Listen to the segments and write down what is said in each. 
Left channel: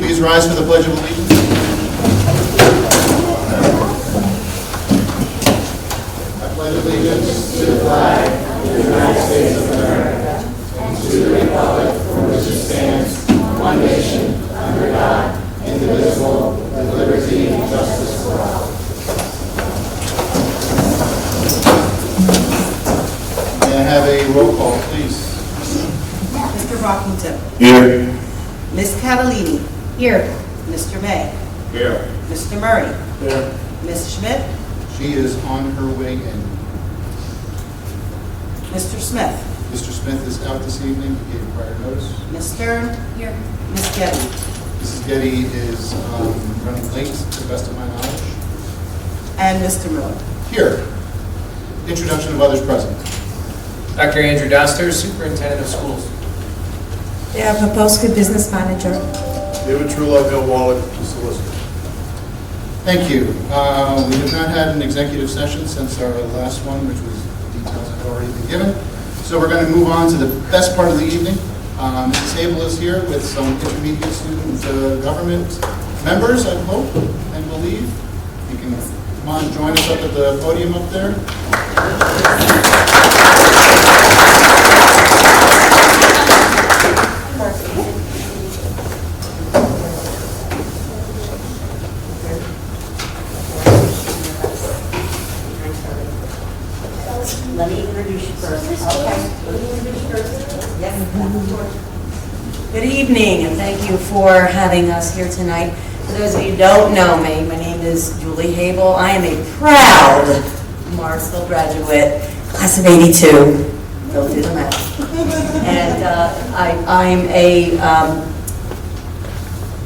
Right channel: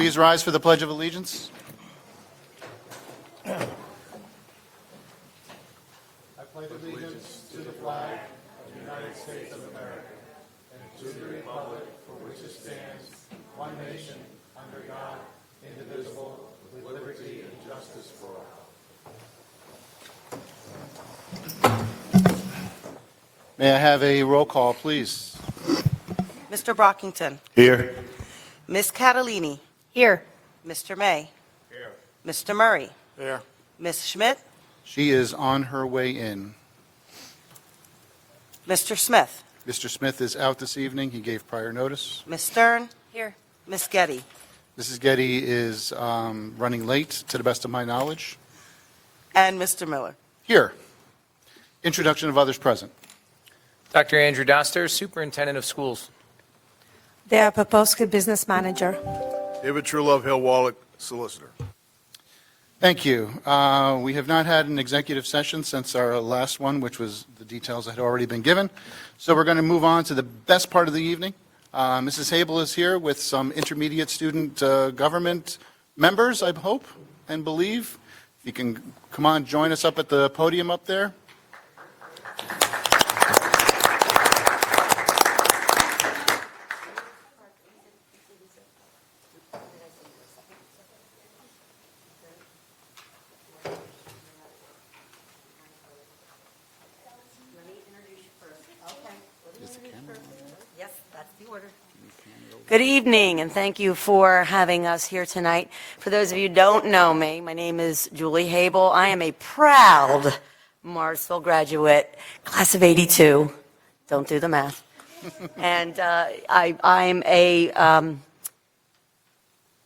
Please rise for the Pledge of Allegiance. I pledge allegiance to the flag of the United States of America and to the republic for which it stands, one nation, under God, indivisible, with liberty and justice for all. May I have a roll call, please? Mr. Brockington. Here. Ms. Catalini. Here. Mr. May. Here. Mr. Murray. Here. Ms. Schmidt. She is on her way in. Mr. Smith. Mr. Smith is out this evening. He gave prior notice. Ms. Stern. Here. Ms. Getty. Mrs. Getty is running late, to the best of my knowledge. And Mr. Miller. Here. Introduction of others present. Dr. Andrew Doster, Superintendent of Schools. Dara Poposky, Business Manager. David Trullo, Bill Wallet, Solicitor. Thank you. We have not had an executive session since our last one, which was details have already been given. So we're going to move on to the best part of the evening. Mrs. Sable is here with some intermediate student government members, I hope and believe. You can come on and join us up at the podium up there. Let me introduce you first. Okay. Let me introduce you first. Yes. Good evening, and thank you for having us here tonight. For those of you who don't know me, my name is Julie Habel. I am a proud Morrisville graduate, class of '82. Don't do the math. And I'm a,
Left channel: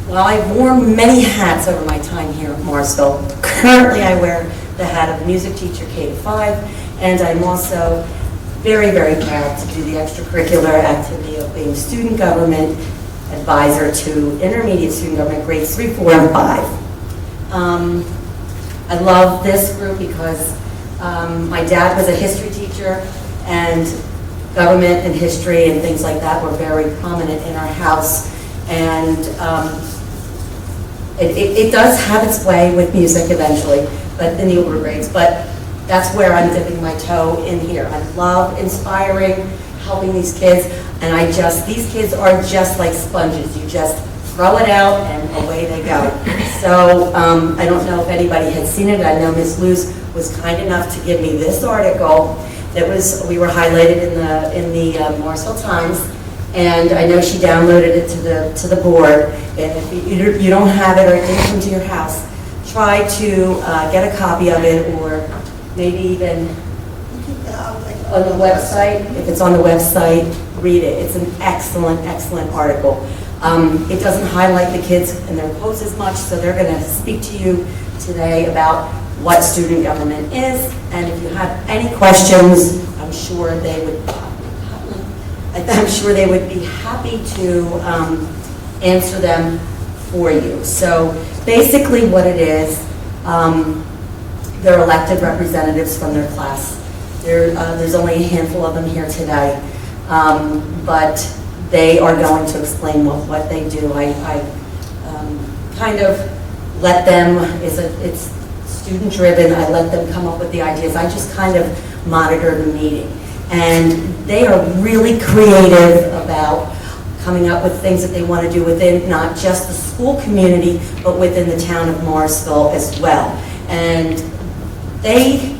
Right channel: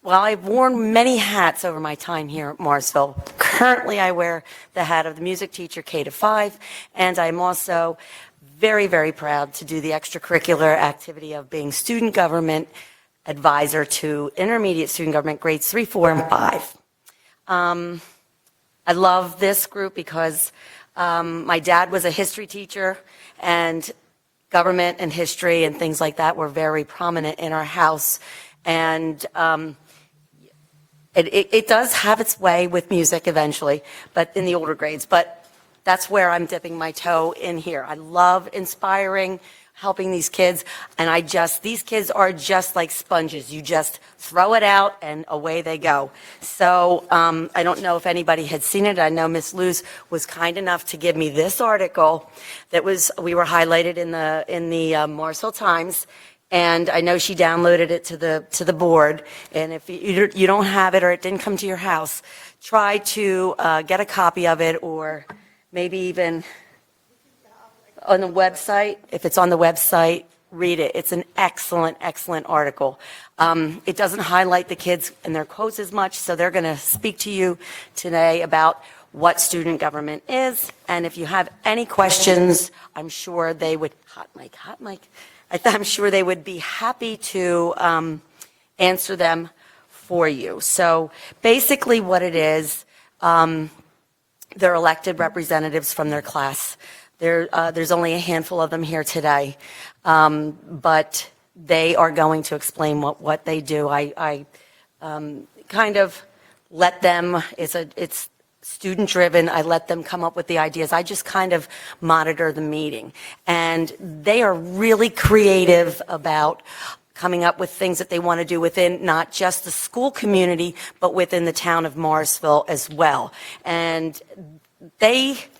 well, I've worn many hats over my time here at Morrisville. Currently, I wear the hat of music teacher K-5, and I'm also very, very proud to do the extracurricular activity of being student government advisor to intermediate student government grades 3, 4, and 5. I love this group because my dad was a history teacher, and government and history and things like that were very prominent in our house. And it does have its way with music eventually, but in the older grades. But that's where I'm dipping my toe in here. I love inspiring, helping these kids, and these kids are just like sponges. You just throw it out and away they go. So I don't know if anybody has seen it. I know Ms. Luz was kind enough to give me this article that we were highlighted in the Morrisville Times, and I know she downloaded it to the board. And if you don't have it or it didn't come to your house, try to get a copy of it, or maybe even on the website. If it's on the website, read it. It's an excellent, excellent article. It doesn't highlight the kids in their quotes as much, so they're going to speak to you today about what student government is. And if you have any questions, I'm sure they would be happy to answer them for you. So basically what it is, they're elected representatives from their class. There's only a handful of them here today, but they are going to explain what they do. I kind of let them, it's student driven, I let them come up with the ideas. I just kind of monitor the meeting. And they are really creative about coming up with things that they want to do within not just the school community, but within the town of Morrisville as well. And they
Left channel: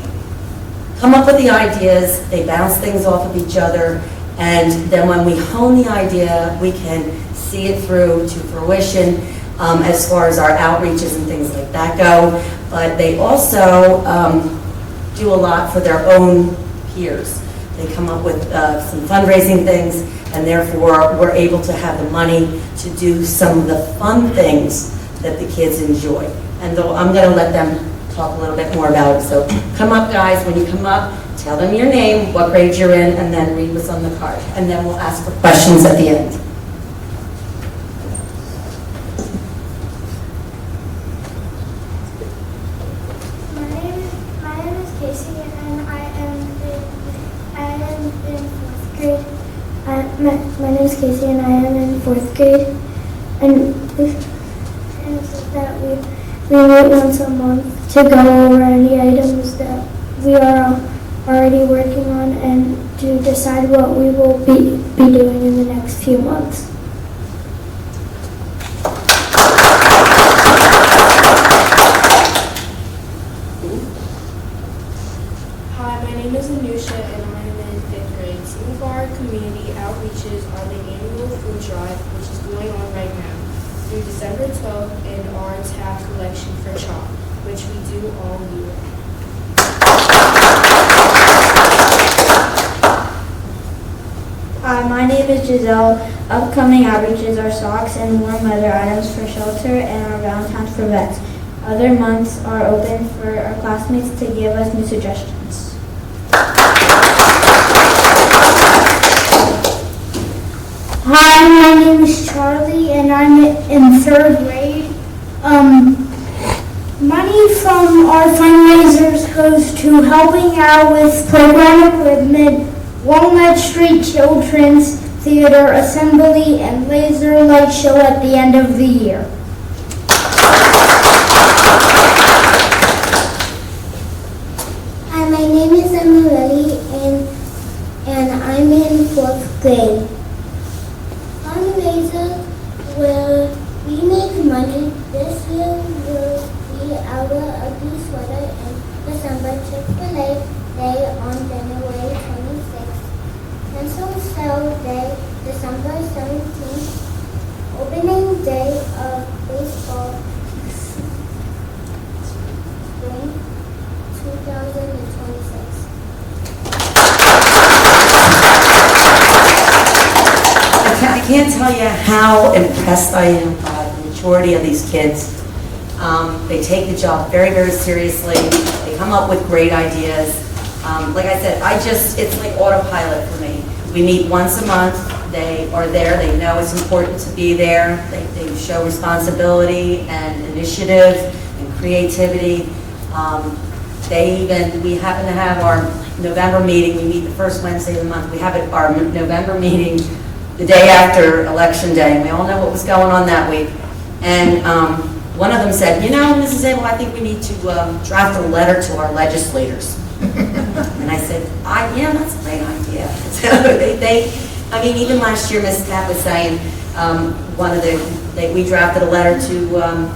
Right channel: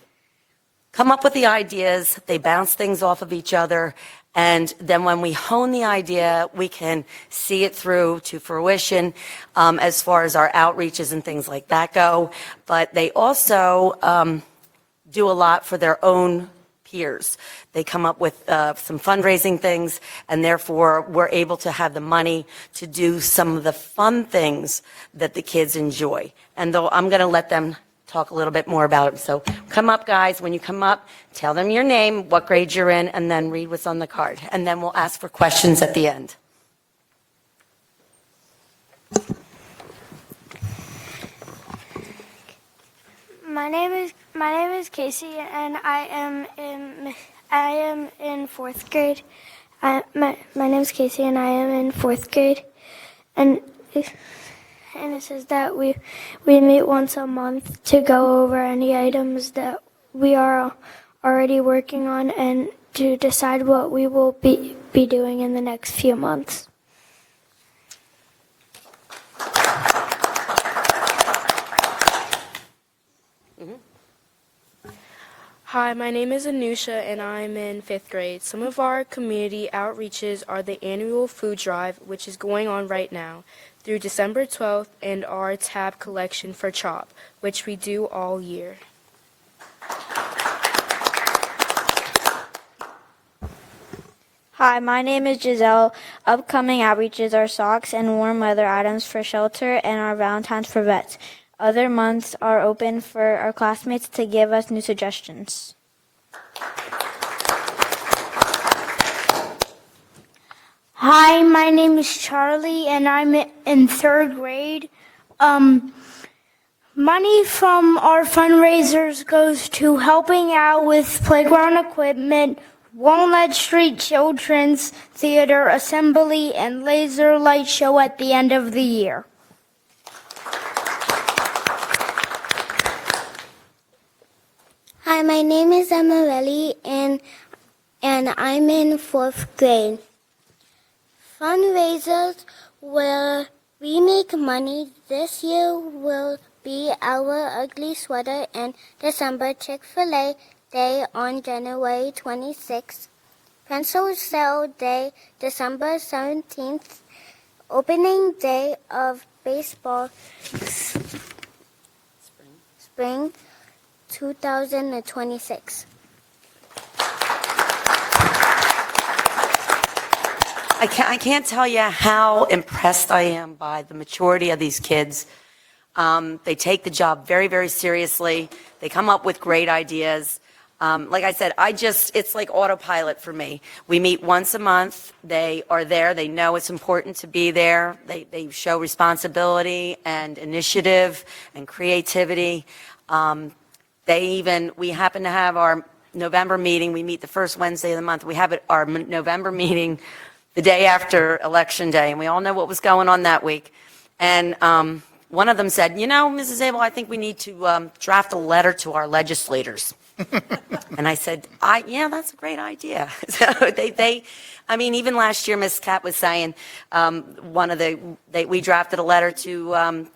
come up with the ideas, they bounce things off of each other, and then when we hone the idea, we can see it through to fruition as far as our outreaches and things like that go. But they also do a lot for their own peers. They come up with some fundraising things, and therefore we're able to have the money to do some of the fun things that the kids enjoy. And though I'm going to let them talk a little bit more about it. So come up, guys. When you come up, tell them your name, what grade you're in, and then read what's on the card. And then we'll ask for questions at the end. My name is Casey, and I am in fourth grade. My name is Casey, and I am in fourth grade. And that we meet once a month to go over any items that we are already working on and to decide what we will be doing in the next few months. Hi, my name is Anusha and I'm in 5th grade. Some of our community outreaches are the annual food drive, which is going on right now, through December 12th, and our tab collection for chalk, which we do all year. Hi, my name is Giselle. Upcoming outreaches are socks and warm weather items for shelter and our Valentine's for vets. Other months are open for our classmates to give us new suggestions. Hi, my name is Charlie and I'm in 3rd grade. Money from our fundraisers goes to helping out with playground equipment, Walnut Street Children's Theater Assembly, and laser light show at the end of the year. Hi, my name is Emily and I'm in 4th grade. Fundraisers will we make money this year will be our ugly sweater and December Chick-fil-A Day on January 26th. Pencil Sale Day, December 17th. Opening Day of Baseball, Spring 2026. I can't tell you how impressed I am by the majority of these kids. They take the job very, very seriously. They come up with great ideas. Like I said, it's like autopilot for me. We meet once a month. They are there. They know it's important to be there. They show responsibility and initiative and creativity. We happen to have our November meeting. We meet the first Wednesday of the month. We have our November meeting the day after Election Day. We all know what was going on that week. And one of them said, Mrs. Abel, I think we need to draft a letter to our legislators. And I said, yeah, that's a great idea. So even last year, Mrs. Tapp was saying, we drafted a letter to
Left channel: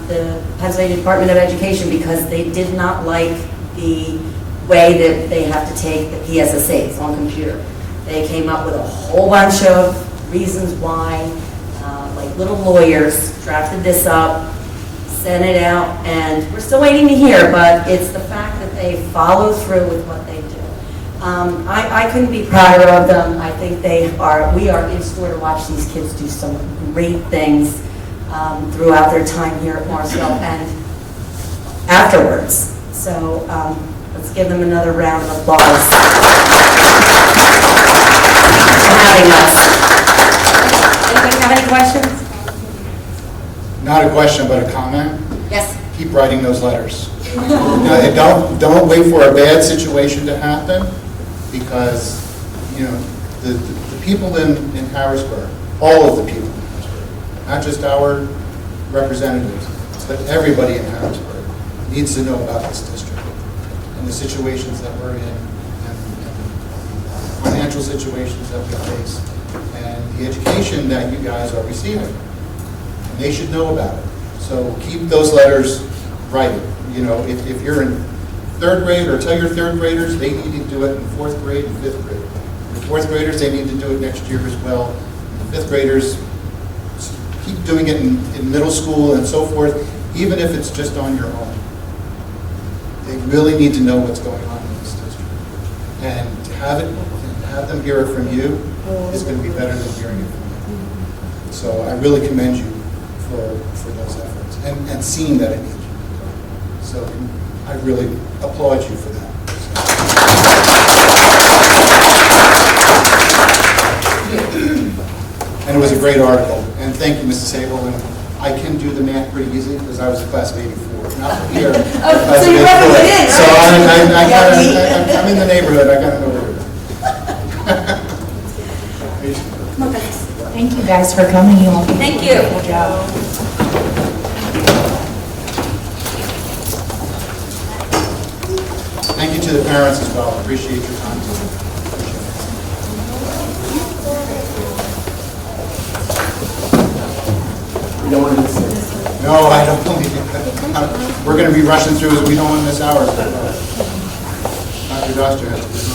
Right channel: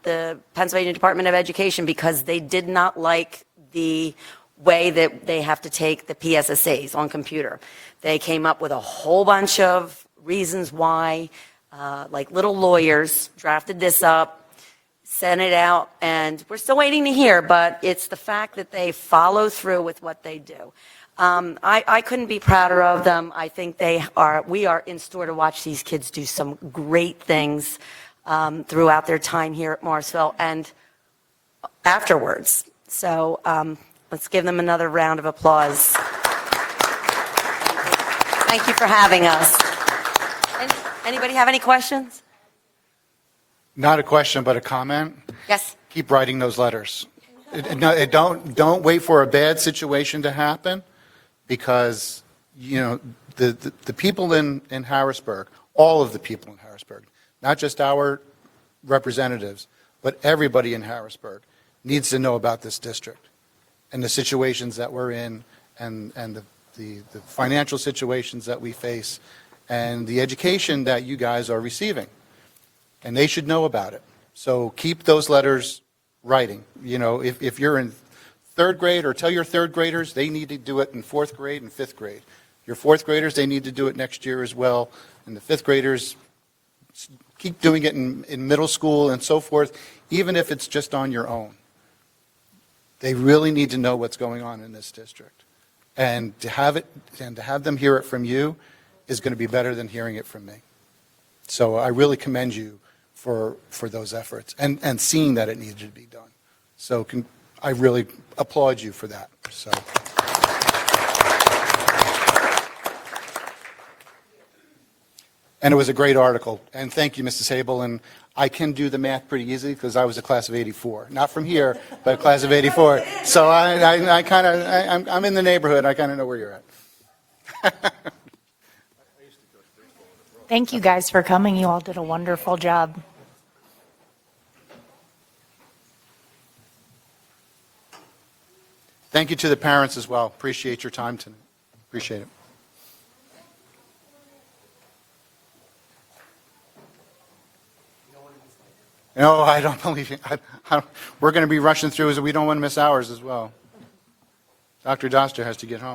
the Pennsylvania Department of Education because they did not like the way that they have to take the PSSAs on computer. They came up with a whole bunch of reasons why, like little lawyers, drafted this up, sent it out, and we're still waiting to hear, but it's the fact that they follow through with what they do. I couldn't be prouder of them. I think we are in store to watch these kids do some great things throughout their time here at Morrisville and afterwards. So let's give them another round of applause for having us. Anybody have any questions? Not a question, but a comment. Yes. Keep writing those letters. Don't wait for a bad situation to happen, because, the people in Harrisburg, all of the people in Harrisburg, not just our representatives, but everybody in Harrisburg needs to know about this district and the situations that we're in and the financial situations that we face and the education that you guys are receiving. And they should know about it. So keep those letters writing. If you're in 3rd grade, or tell your 3rd graders, they need to do it in 4th grade and 5th grade. Your 4th graders, they need to do it next year as well. And the 5th graders, keep doing it in middle school and so forth, even if it's just on your own. They really need to know what's going on in this district. And to have them hear it from you is going to be better than hearing it from me. So I really commend you for those efforts and seeing that it needs to be done. So I really applaud you for that. And it was a great article. And thank you, Mrs. Sable. And I can do the math pretty easily because I was a class of 84. Not from here, but class of 84. So I'm in the neighborhood. I got to know where. Thank you guys for coming. You all did a Thank you. wonderful job. Thank you to the parents as well. Appreciate your time. Appreciate it. No, I don't believe it. We're going to be rushing through as we don't want to miss hours. Dr. Doctor has to be home.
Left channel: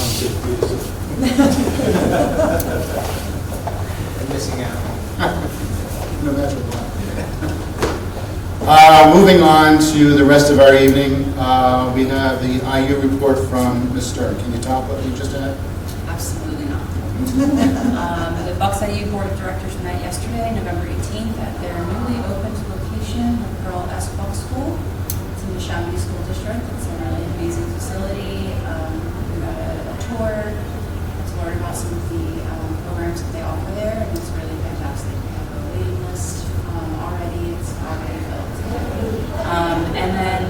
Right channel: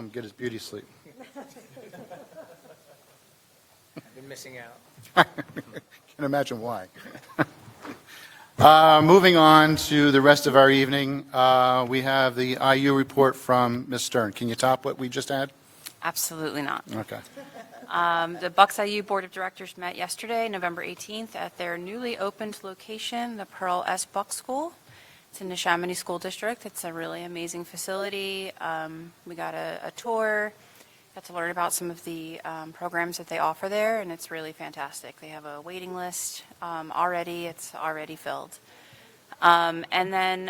I'm missing out. No, that's why. Moving on to the rest of our evening, we have the IU report from Ms. Stern. Can you top what we just had? Absolutely not. Okay. The Bucks IU Board of Directors met yesterday, November 18th, at their newly opened location, the Pearl S. Buck School. It's in the Chamonix School District. It's a really amazing facility. We got a tour to learn about some of the programs that they offer there, and it's really fantastic. They have a waiting list already. It's already filled. And then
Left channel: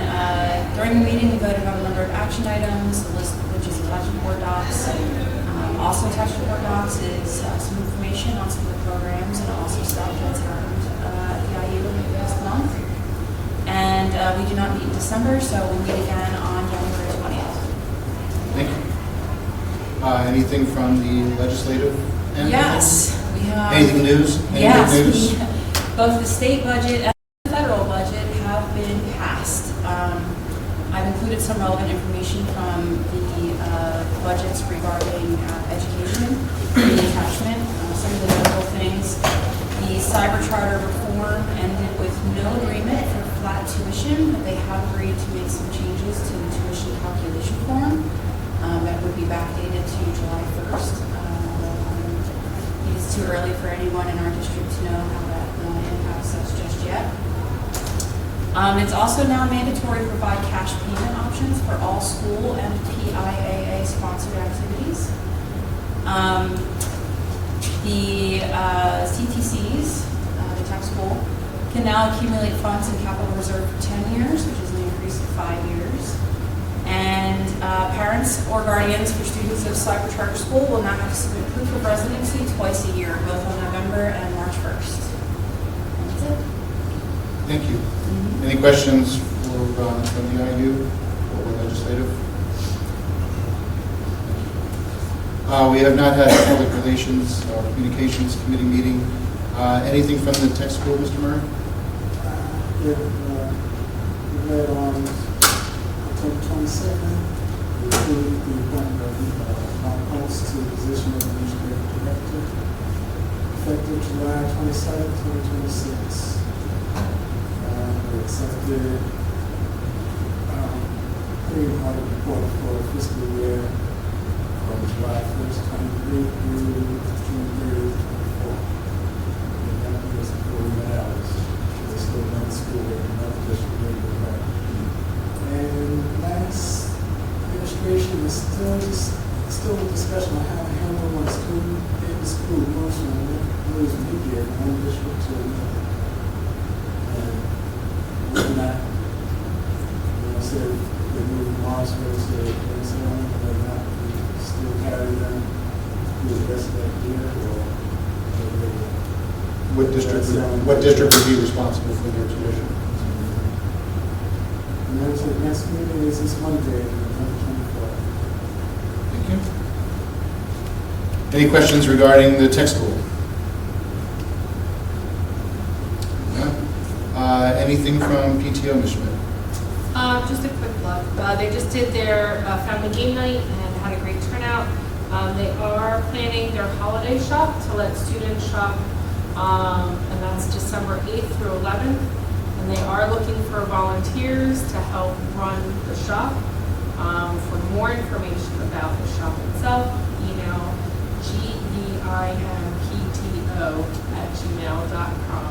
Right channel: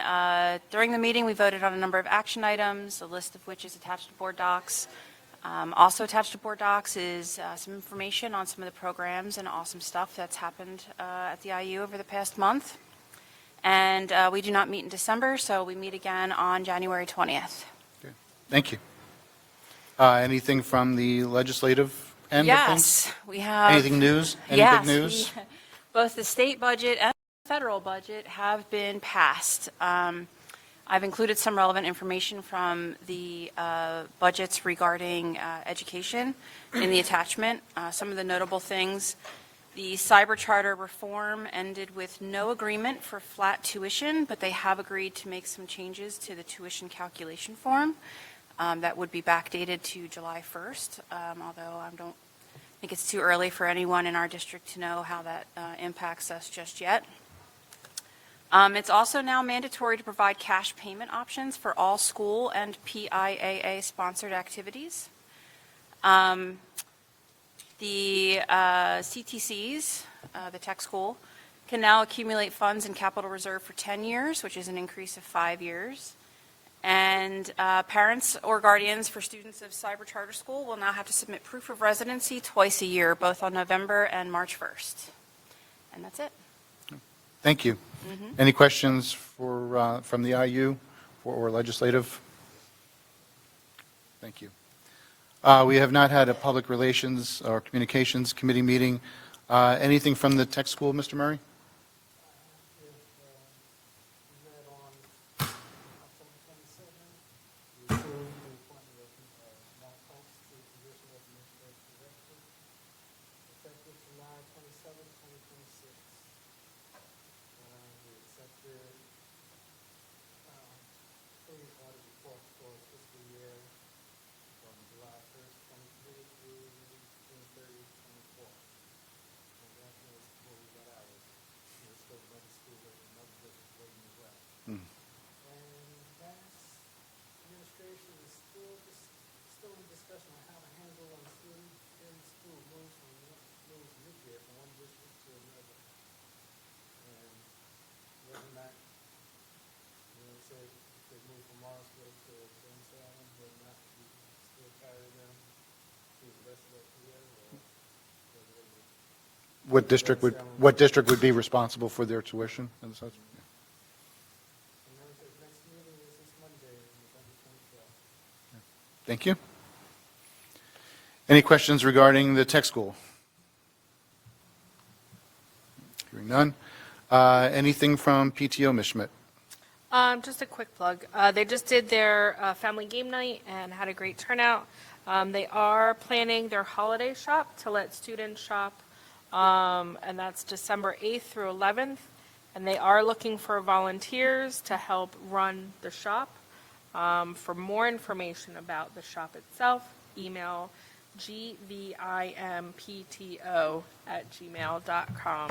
during the meeting, we voted on a number of action items, a list of which is attached to board docs. Also attached to board docs is some information on some of the programs and also stuff that's happened at the IU over the past month. And we do not meet in December, so we meet again on January 20th. Thank you. Anything from the legislative end? Yes, we have. Anything news? Yes, Anything news? both the state budget and the federal budget have been passed. I've included some relevant information from the budgets regarding education in the attachment. Some of the notable things: the cyber charter reform ended with no agreement for flat tuition, but they have agreed to make some changes to the tuition calculation form that would be backdated to July 1st. It's too early for anyone in our district to know how that impacts us just yet. It's also now mandatory to provide cash payment options for all school and PIAA-sponsored activities. The CTCs, the tech school, can now accumulate funds in capital reserve for 10 years, which is an increase of 5 years. And parents or guardians for students of cyber charter school will now have to submit proof of residency twice a year, both on November and March 1st. That's it. Thank you. Any questions from the IU or legislative? We have not had a public relations or communications committee meeting. Anything from the tech school, Mr. Murray? We met on October 22nd. We approved the appointment of Mark Holtz to the position of administrative director, effective July 27, 2026. We accepted pretty hard report for fiscal year from July 1st, 23 through June 30th, 24. And that was 40 hours. There's still another school and another district rate with that. And last administration is still a discussion on how to handle when a student in the school moves from moves media from one district to another. And we're not, say they move from Morrisville to Minnesota, but not still carry them through the rest of that year, or What district would be responsible for their tuition? and then the next meeting is this Monday, November 24th. Thank you. Any questions regarding the tech school? None? Anything from PTO, Ms. Schmidt? Just a quick look. They just did their family game night and had a great turnout. They are planning their holiday shop to let students shop, and that's December 8th through 11th. And they are looking for volunteers to help run the shop. For more information about the shop itself, email gvimpto@gmail.com,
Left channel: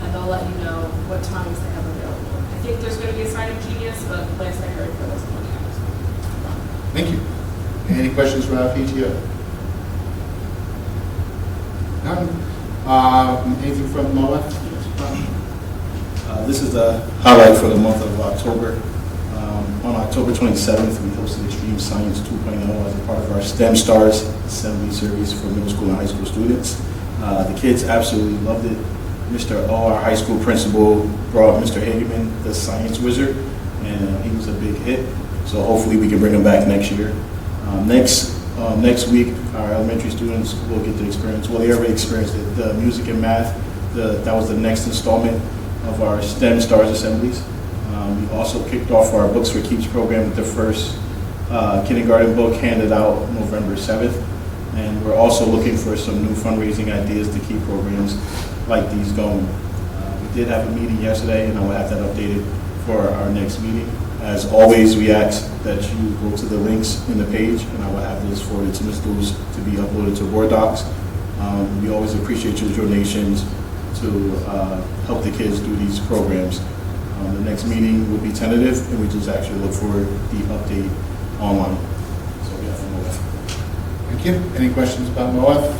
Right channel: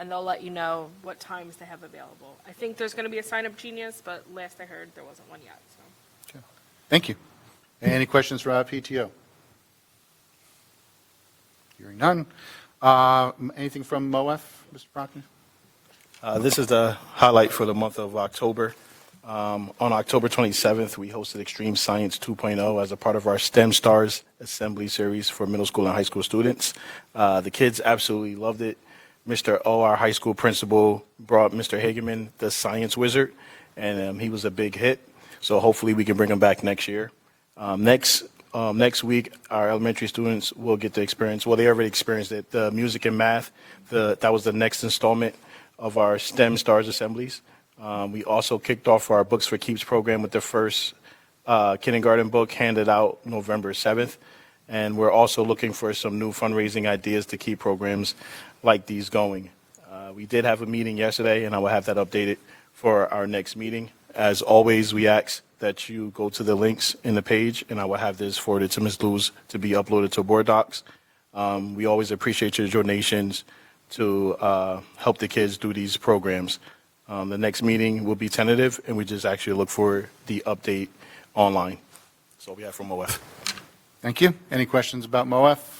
and they'll let you know what times they have available. I think there's going to be a sign-up genius, but last I heard, there wasn't one yet. Thank you. Any questions from our PTO? None? Anything from MOA? This is a highlight for the month of October. On October 27th, we hosted Extreme Science 2.0 as a part of our STEM Stars Assembly Series for middle school and high school students. The kids absolutely loved it. Mr. O, our high school principal, brought up Mr. Hagerman, the science wizard, and he was a big hit. So hopefully we can bring them back next year. Next week, our elementary students will get to experience, well, they already experienced it, the music and math. That was the next installment of our STEM Stars Assemblies. We also kicked off our Books for Keeps program with the first kindergarten book handed out November 7th. And we're also looking for some new fundraising ideas to keep programs like these going. We did have a meeting yesterday, and I will have that updated for our next meeting. As always, we ask that you go to the links in the page, and I will have this forwarded to Ms. Lewis to be uploaded to Board Docs. We always appreciate your donations to help the kids do these programs. The next meeting will be tentative, and we just actually look for the update online. So we have from MOF. Thank you. Any questions about MOF?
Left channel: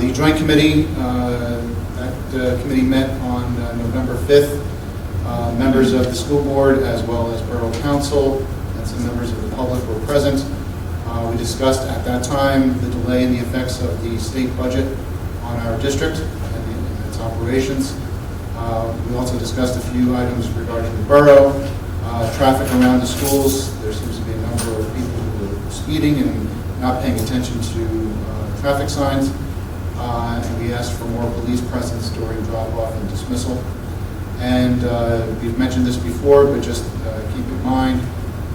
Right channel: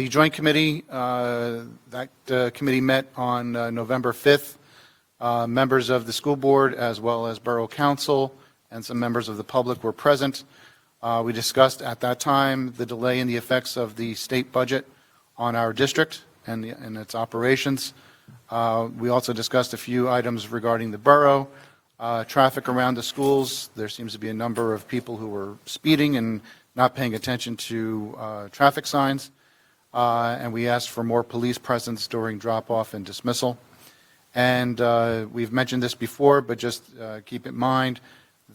The Joint Committee, that committee met on November 5th. Members of the school board as well as Borough Council and some members of the public were present. We discussed at that time the delay in the effects of the state budget on our district and in its operations. We also discussed a few items regarding the borough, traffic around the schools. There seems to be a number of people who were speeding and not paying attention to traffic signs. And we asked for more police presence during drop-off and dismissal. And we've mentioned this before, but just keep in mind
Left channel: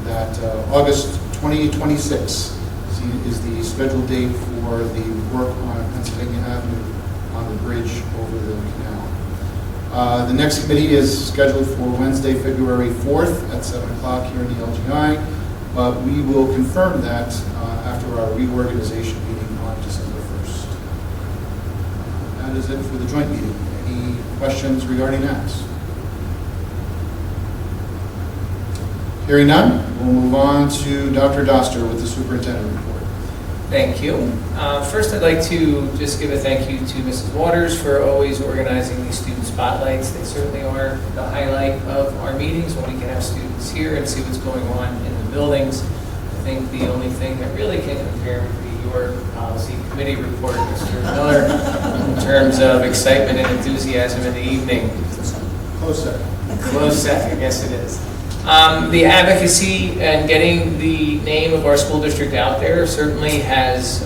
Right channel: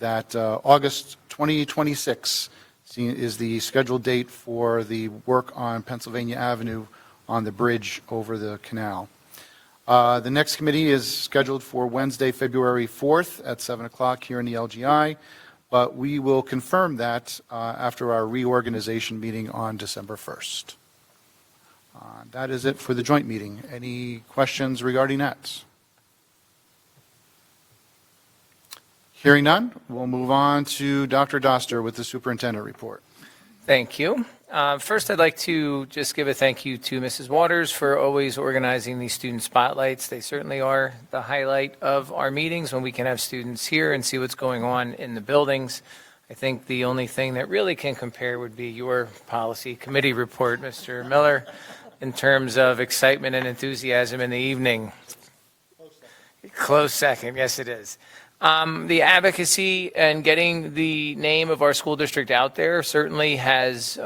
that August 2026 is the scheduled date for the work on Pennsylvania Avenue on the bridge over the canal. The next committee is scheduled for Wednesday, February 4th at 7 o'clock here in the LGI, but we will confirm that after our reorganization meeting on December 1st. That is it for the joint meeting. Any questions regarding that? Hearing none, we'll move on to Dr. Doster with the superintendent report. Thank you. First, I'd like to just give a thank you to Mrs. Waters for always organizing these student spotlights. They certainly are the highlight of our meetings when we can have students here and see what's going on in the buildings. I think the only thing that really can compare would be your policy committee report, Mr. Miller, in terms of excitement and enthusiasm in the evening. Close second. Close second, I guess it is. The advocacy and getting the name of our school district out there certainly has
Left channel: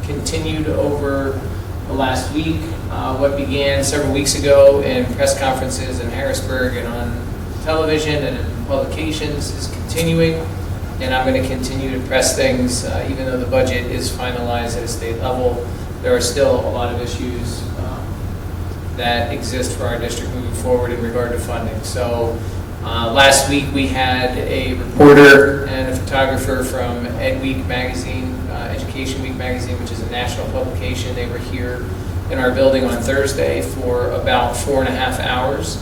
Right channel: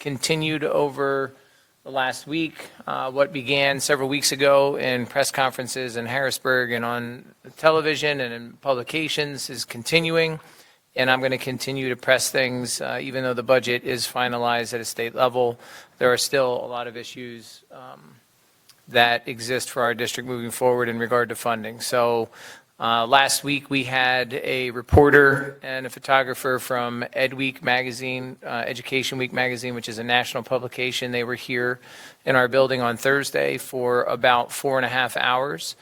continued over the last week. What began several weeks ago in press conferences in Harrisburg and on television and in publications is continuing, and I'm going to continue to press things even though the budget is finalized at a state level. There are still a lot of issues that exist for our district moving forward in regard to funding. So last week we had a reporter and a photographer from Ed Week magazine, Education Week magazine, which is a national publication. They were here in our building on Thursday for about 4.5 hours.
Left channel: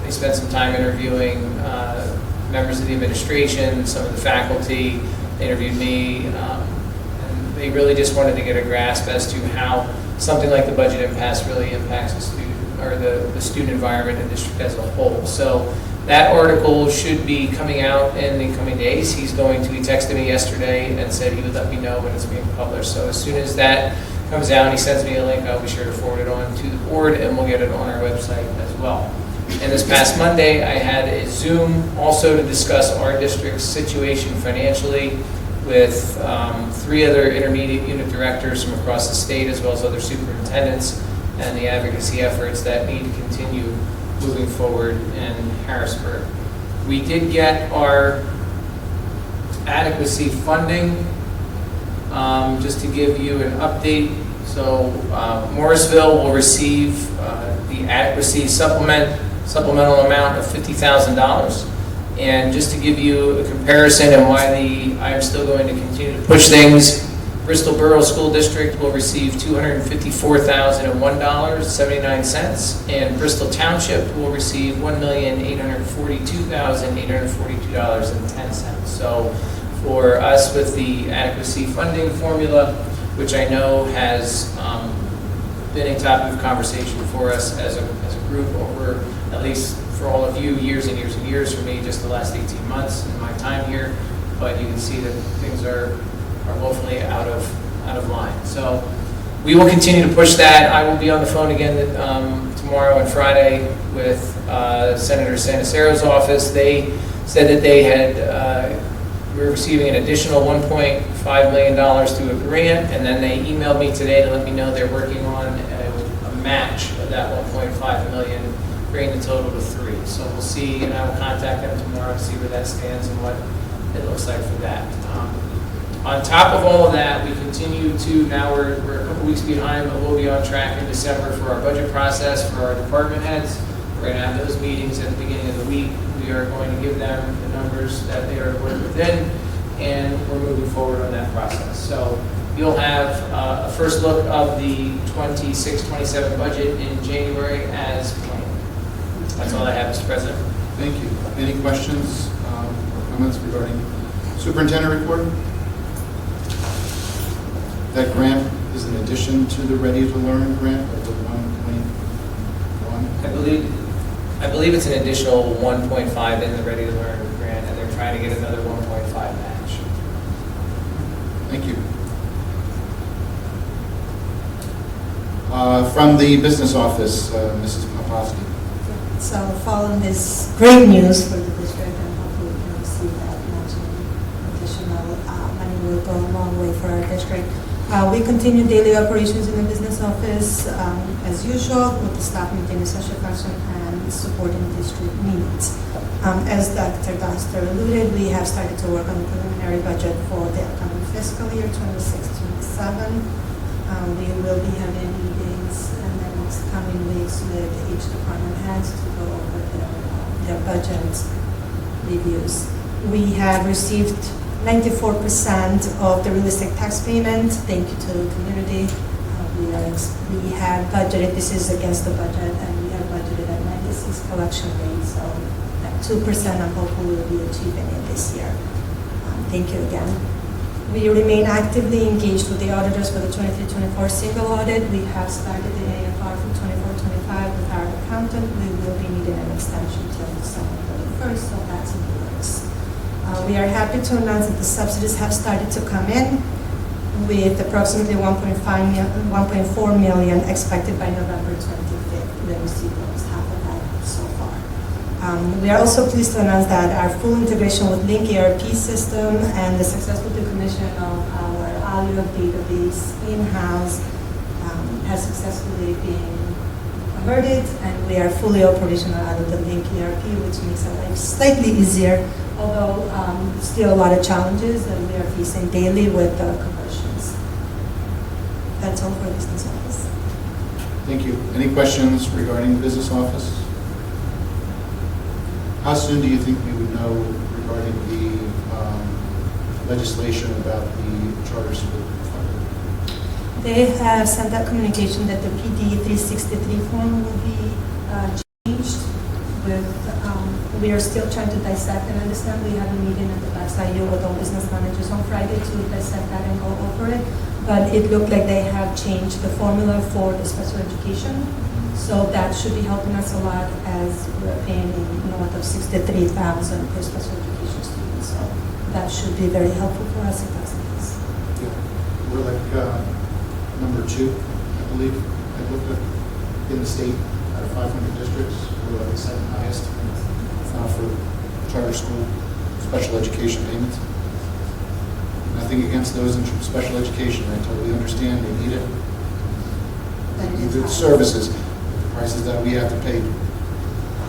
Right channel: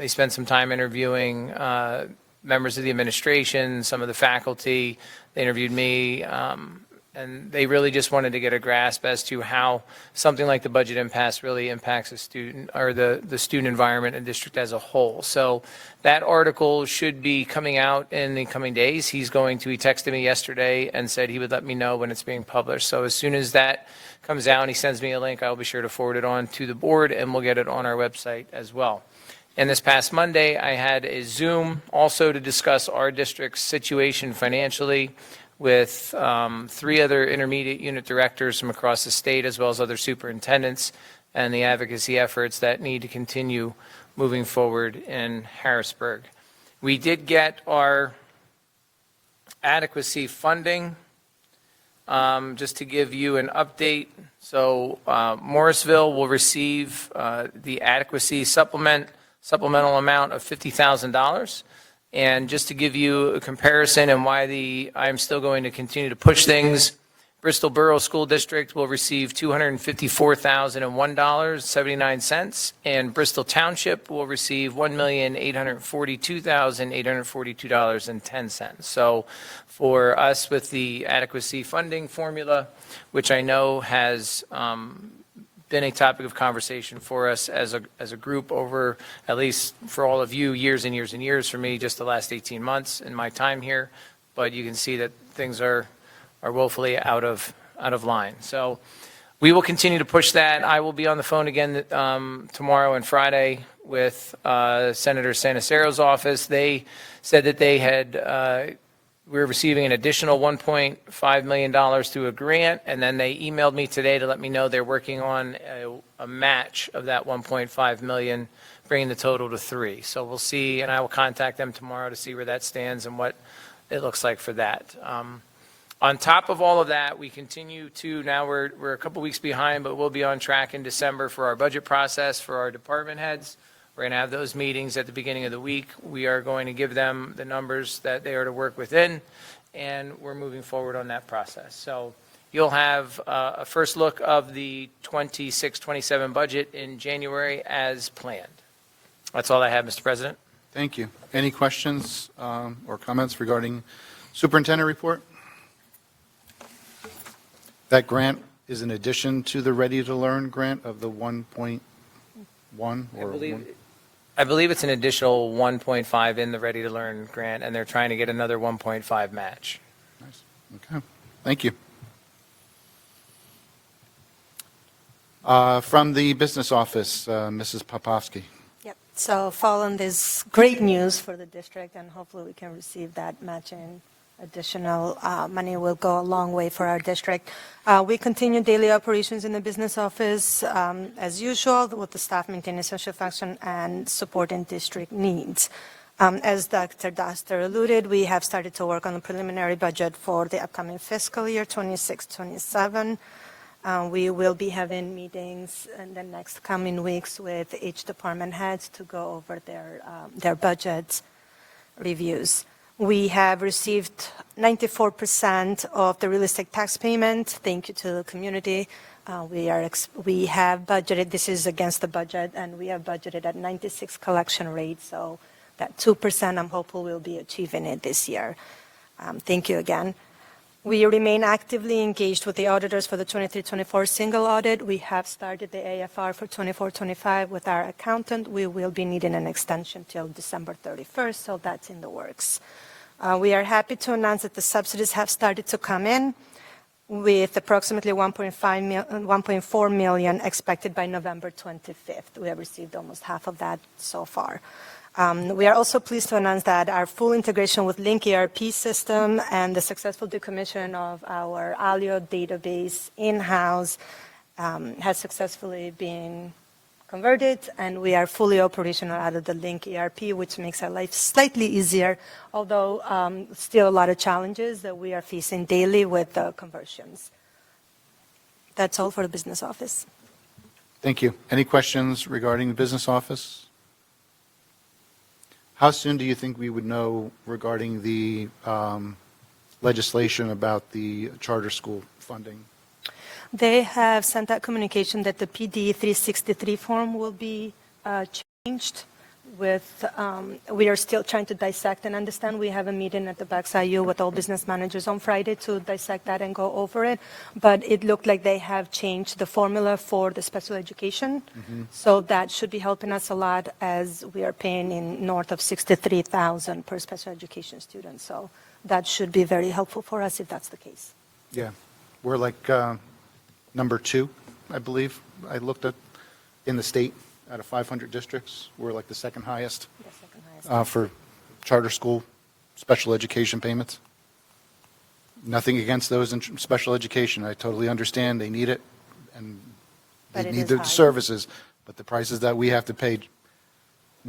They spent some time interviewing members of the administration, some of the faculty. They interviewed me, and they really just wanted to get a grasp as to how something like the budget impasse really impacts the student or the student environment and district as a whole. So that article should be coming out in the coming days. He texted me yesterday and said he would let me know when it's being published. So as soon as that comes out, he sends me a link, I'll be sure to forward it on to the board and we'll get it on our website as well. And this past Monday, I had a Zoom also to discuss our district's situation financially with 3 other intermediate unit directors from across the state as well as other superintendents, and the advocacy efforts that need to continue moving forward in Harrisburg. We did get our adequacy funding. Just to give you an update, so Morrisville will receive the adequacy supplemental amount of $50,000. And just to give you a comparison and why I'm still going to continue to push things, Bristol Borough School District will receive $254,001.79, and Bristol Township will receive $1,842,842.10. So for us with the adequacy funding formula, which I know has been a topic of conversation for us as a group over, at least for all of you, years and years and years, for me, just the last 18 months in my time here, but you can see that things are woefully out of line. So we will continue to push that. I will be on the phone again tomorrow and Friday with Senator Sanacero's office. They said that they had, we're receiving an additional $1.5 million through a grant, and then they emailed me today to let me know they're working on a match of that $1.5 million, bringing the total to 3. So we'll see, and I will contact them tomorrow to see where that stands and what it looks like for that. On top of all of that, we continue to, now we're a couple weeks behind, but we'll be on track in December for our budget process for our department heads. We're going to have those meetings at the beginning of the week. We are going to give them the numbers that they are to work within, and we're moving forward on that process. So you'll have a first look of the 26-27 budget in January as planned. That's all I have, Mr. President. Thank you. Any questions or comments regarding superintendent report? That grant is in addition to the Ready to Learn grant of the 1.1? I believe it's an additional 1.5 in the Ready to Learn grant, and they're trying to get another 1.5 match. Thank you. From the business office, Mrs. Popovsky. So following this great news for the district, and hopefully we can receive that matching additional money will go a long way for our district. We continue daily operations in the business office as usual, with staff maintaining social function and supporting district needs. As Dr. Doster alluded, we have started to work on the preliminary budget for the upcoming fiscal year 26-27. We will be having meetings in the next coming weeks with each department heads to go over their budget reviews. We have received 94% of the real estate tax payment. Thank you to the community. We have budgeted, this is against the budget, and we have budgeted at 96 collection rate, so at 2%, I'm hopeful we'll be achieving it this year. Thank you again. We remain actively engaged with the auditors for the 23-24 single audit. We have started the AFR for 24-25 with our accountant. We will be needing an extension until December 31st, so that's in the works. We are happy to announce that the subsidies have started to come in, with approximately $1.4 million expected by November 25th. We have received almost half of that so far. We are also pleased to announce that our full integration with Link ERP system and the successful decommission of our Alio database in-house has successfully been converted, and we are fully operational out of the Link ERP, which makes our life slightly easier, although still a lot of challenges that we are facing daily with conversions. That's all for the business office. Thank you. Any questions regarding business office? How soon do you think we would know regarding the legislation about the charter school funding? They have sent that communication that the PD 363 form will be changed with, we are still trying to dissect and understand. We have a meeting at the BaxIU with all business managers on Friday to dissect that and go over it. But it looked like they have changed the formula for the special education. So that should be helping us a lot, as we are paying in north of $63,000 per special education student. So that should be very helpful for us if that's the case. Yeah, we're like number 2, I believe. I looked at in the state out of 500 districts. We're like the 2nd highest for charter school special education payments. Nothing against those in special education. I totally understand they need it. They need the services, the prices that we have to pay.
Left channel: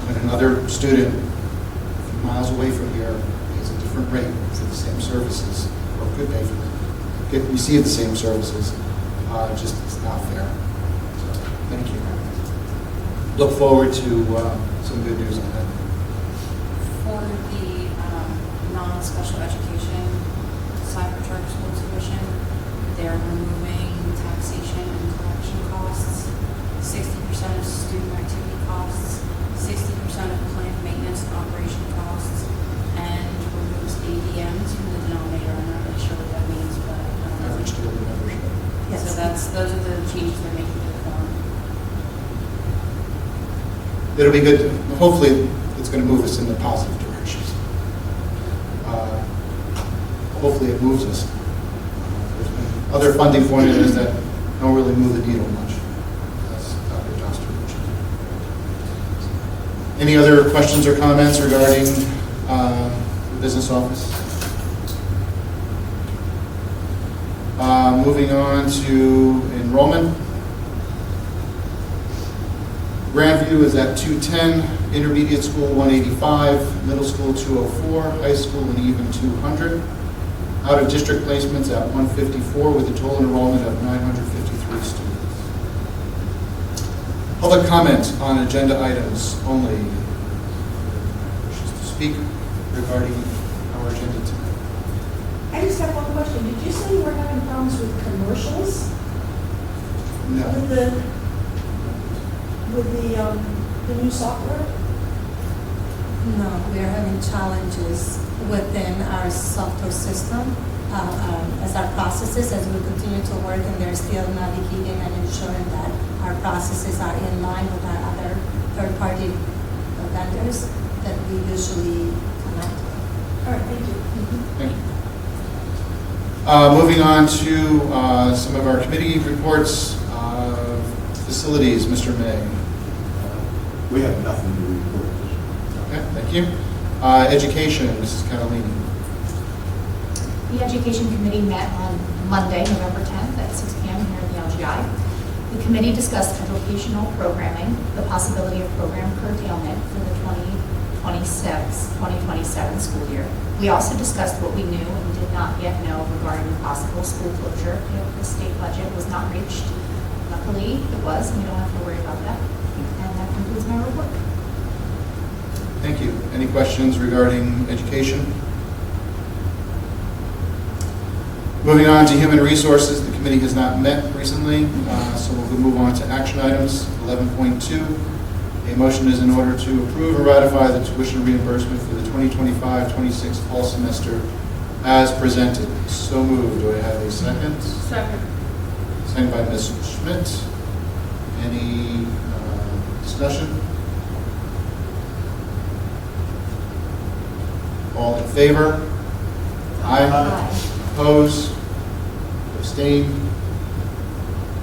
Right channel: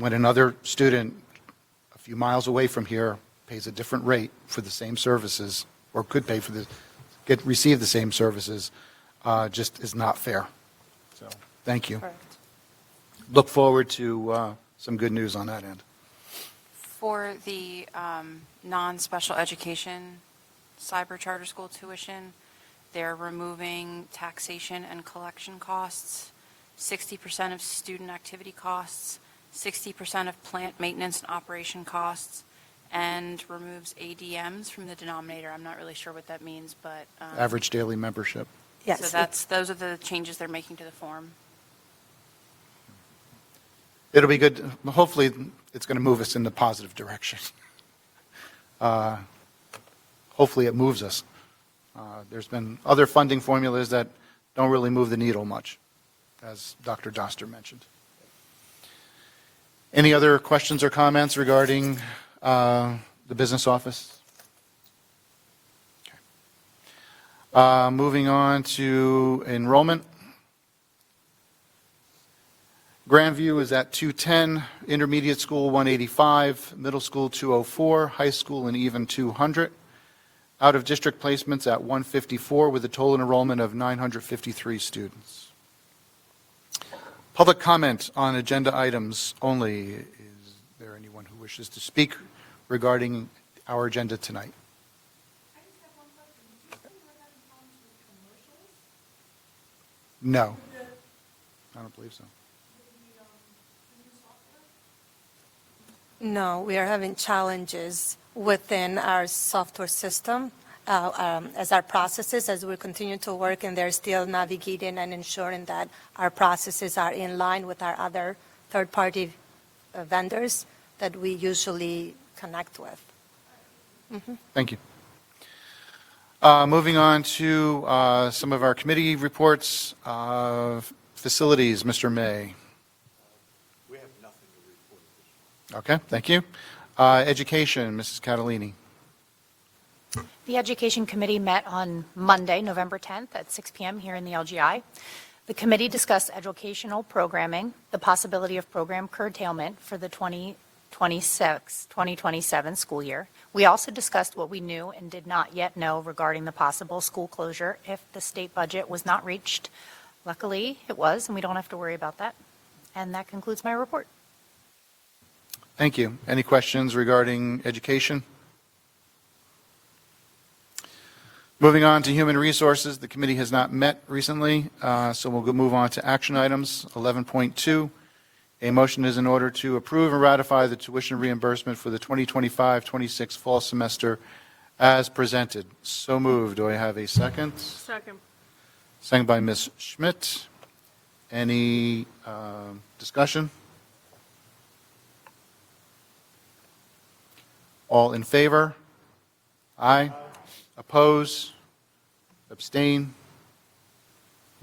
When another student a few miles away from here pays a different rate for the same services, or could pay for receive the same services, just it's not fair. So, thank you. Look forward to some good news on that. For the non-special education side for charter school tuition, they're removing taxation and collection costs, 60% of student activity costs, 60% of plant maintenance and operation costs, and removes ADMs from the denominator. I'm not really sure what that means, but Average daily membership. Yes. So those are the changes they're making to the form. It'll be good. Hopefully, it's going to move us in the positive directions. Hopefully, it moves us. There's been other funding formulas that don't really move the needle much, as Dr. Joster mentioned. Any other questions or comments regarding the business office? Moving on to enrollment. Grandview is at 210, intermediate school 185, middle school 204, high school an even 200. Out of district placements at 154 with a total enrollment of 953 students. Public comments on agenda items only. Wishes to speak regarding our agenda tonight. I just have one question. Did you say you were having problems with commercials? No. With the new software? No, we are having challenges within our software system as our processes, as we continue to work, and they're still navigating and ensuring that our processes are in line with our other third-party vendors that we usually connect with. All right, thank you. Thank you. Moving on to some of our committee reports. Facilities, Mr. May. We have nothing to report. Okay, thank you. Education, Mrs. Cavallini. The Education Committee met on Monday, November 10th at 6 p.m. here in the LGI. The committee discussed educational programming, the possibility of program curtailment for the 2027 school year. We also discussed what we knew and did not yet know regarding the possible school closure if the state budget was not reached. Luckily, it was, and we don't have to worry about that. And that concludes my report. Thank you. Any questions regarding education? Moving on to human resources, the committee has not met recently, so we'll move on to action items. 11.2, a motion is in order to approve or ratify the tuition reimbursement for the 2025-26 fall semester as presented. So moved. Do I have a second? Second. Second by Ms. Schmidt. Any discussion? All in favor? Aye. Oppose? Abstain?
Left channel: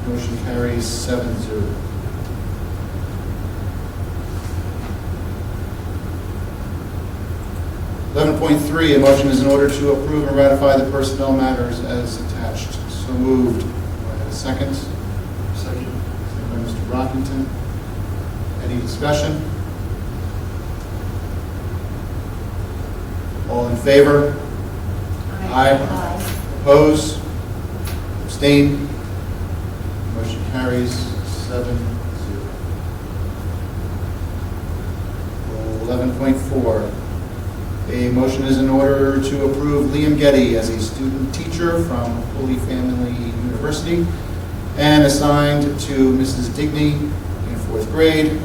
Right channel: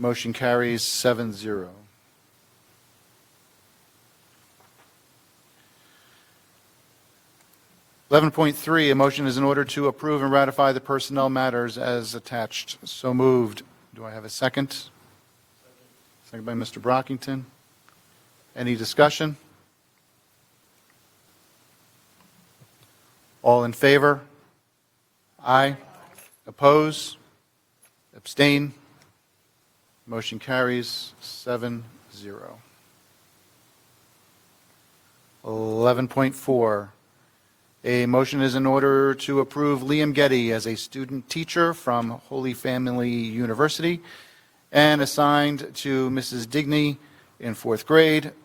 Motion carries 7-0. .3, a motion is in order to approve and ratify the personnel matters as attached. So moved. Do I have a second? Second. Second by Mr. Brockington. Any discussion? All in favor? Aye. Oppose? Abstain? Motion carries 7-0. 11.4. A motion is in order to approve Liam Getty as a student teacher from Holy Family University and assigned to Mrs. Digney in 4th grade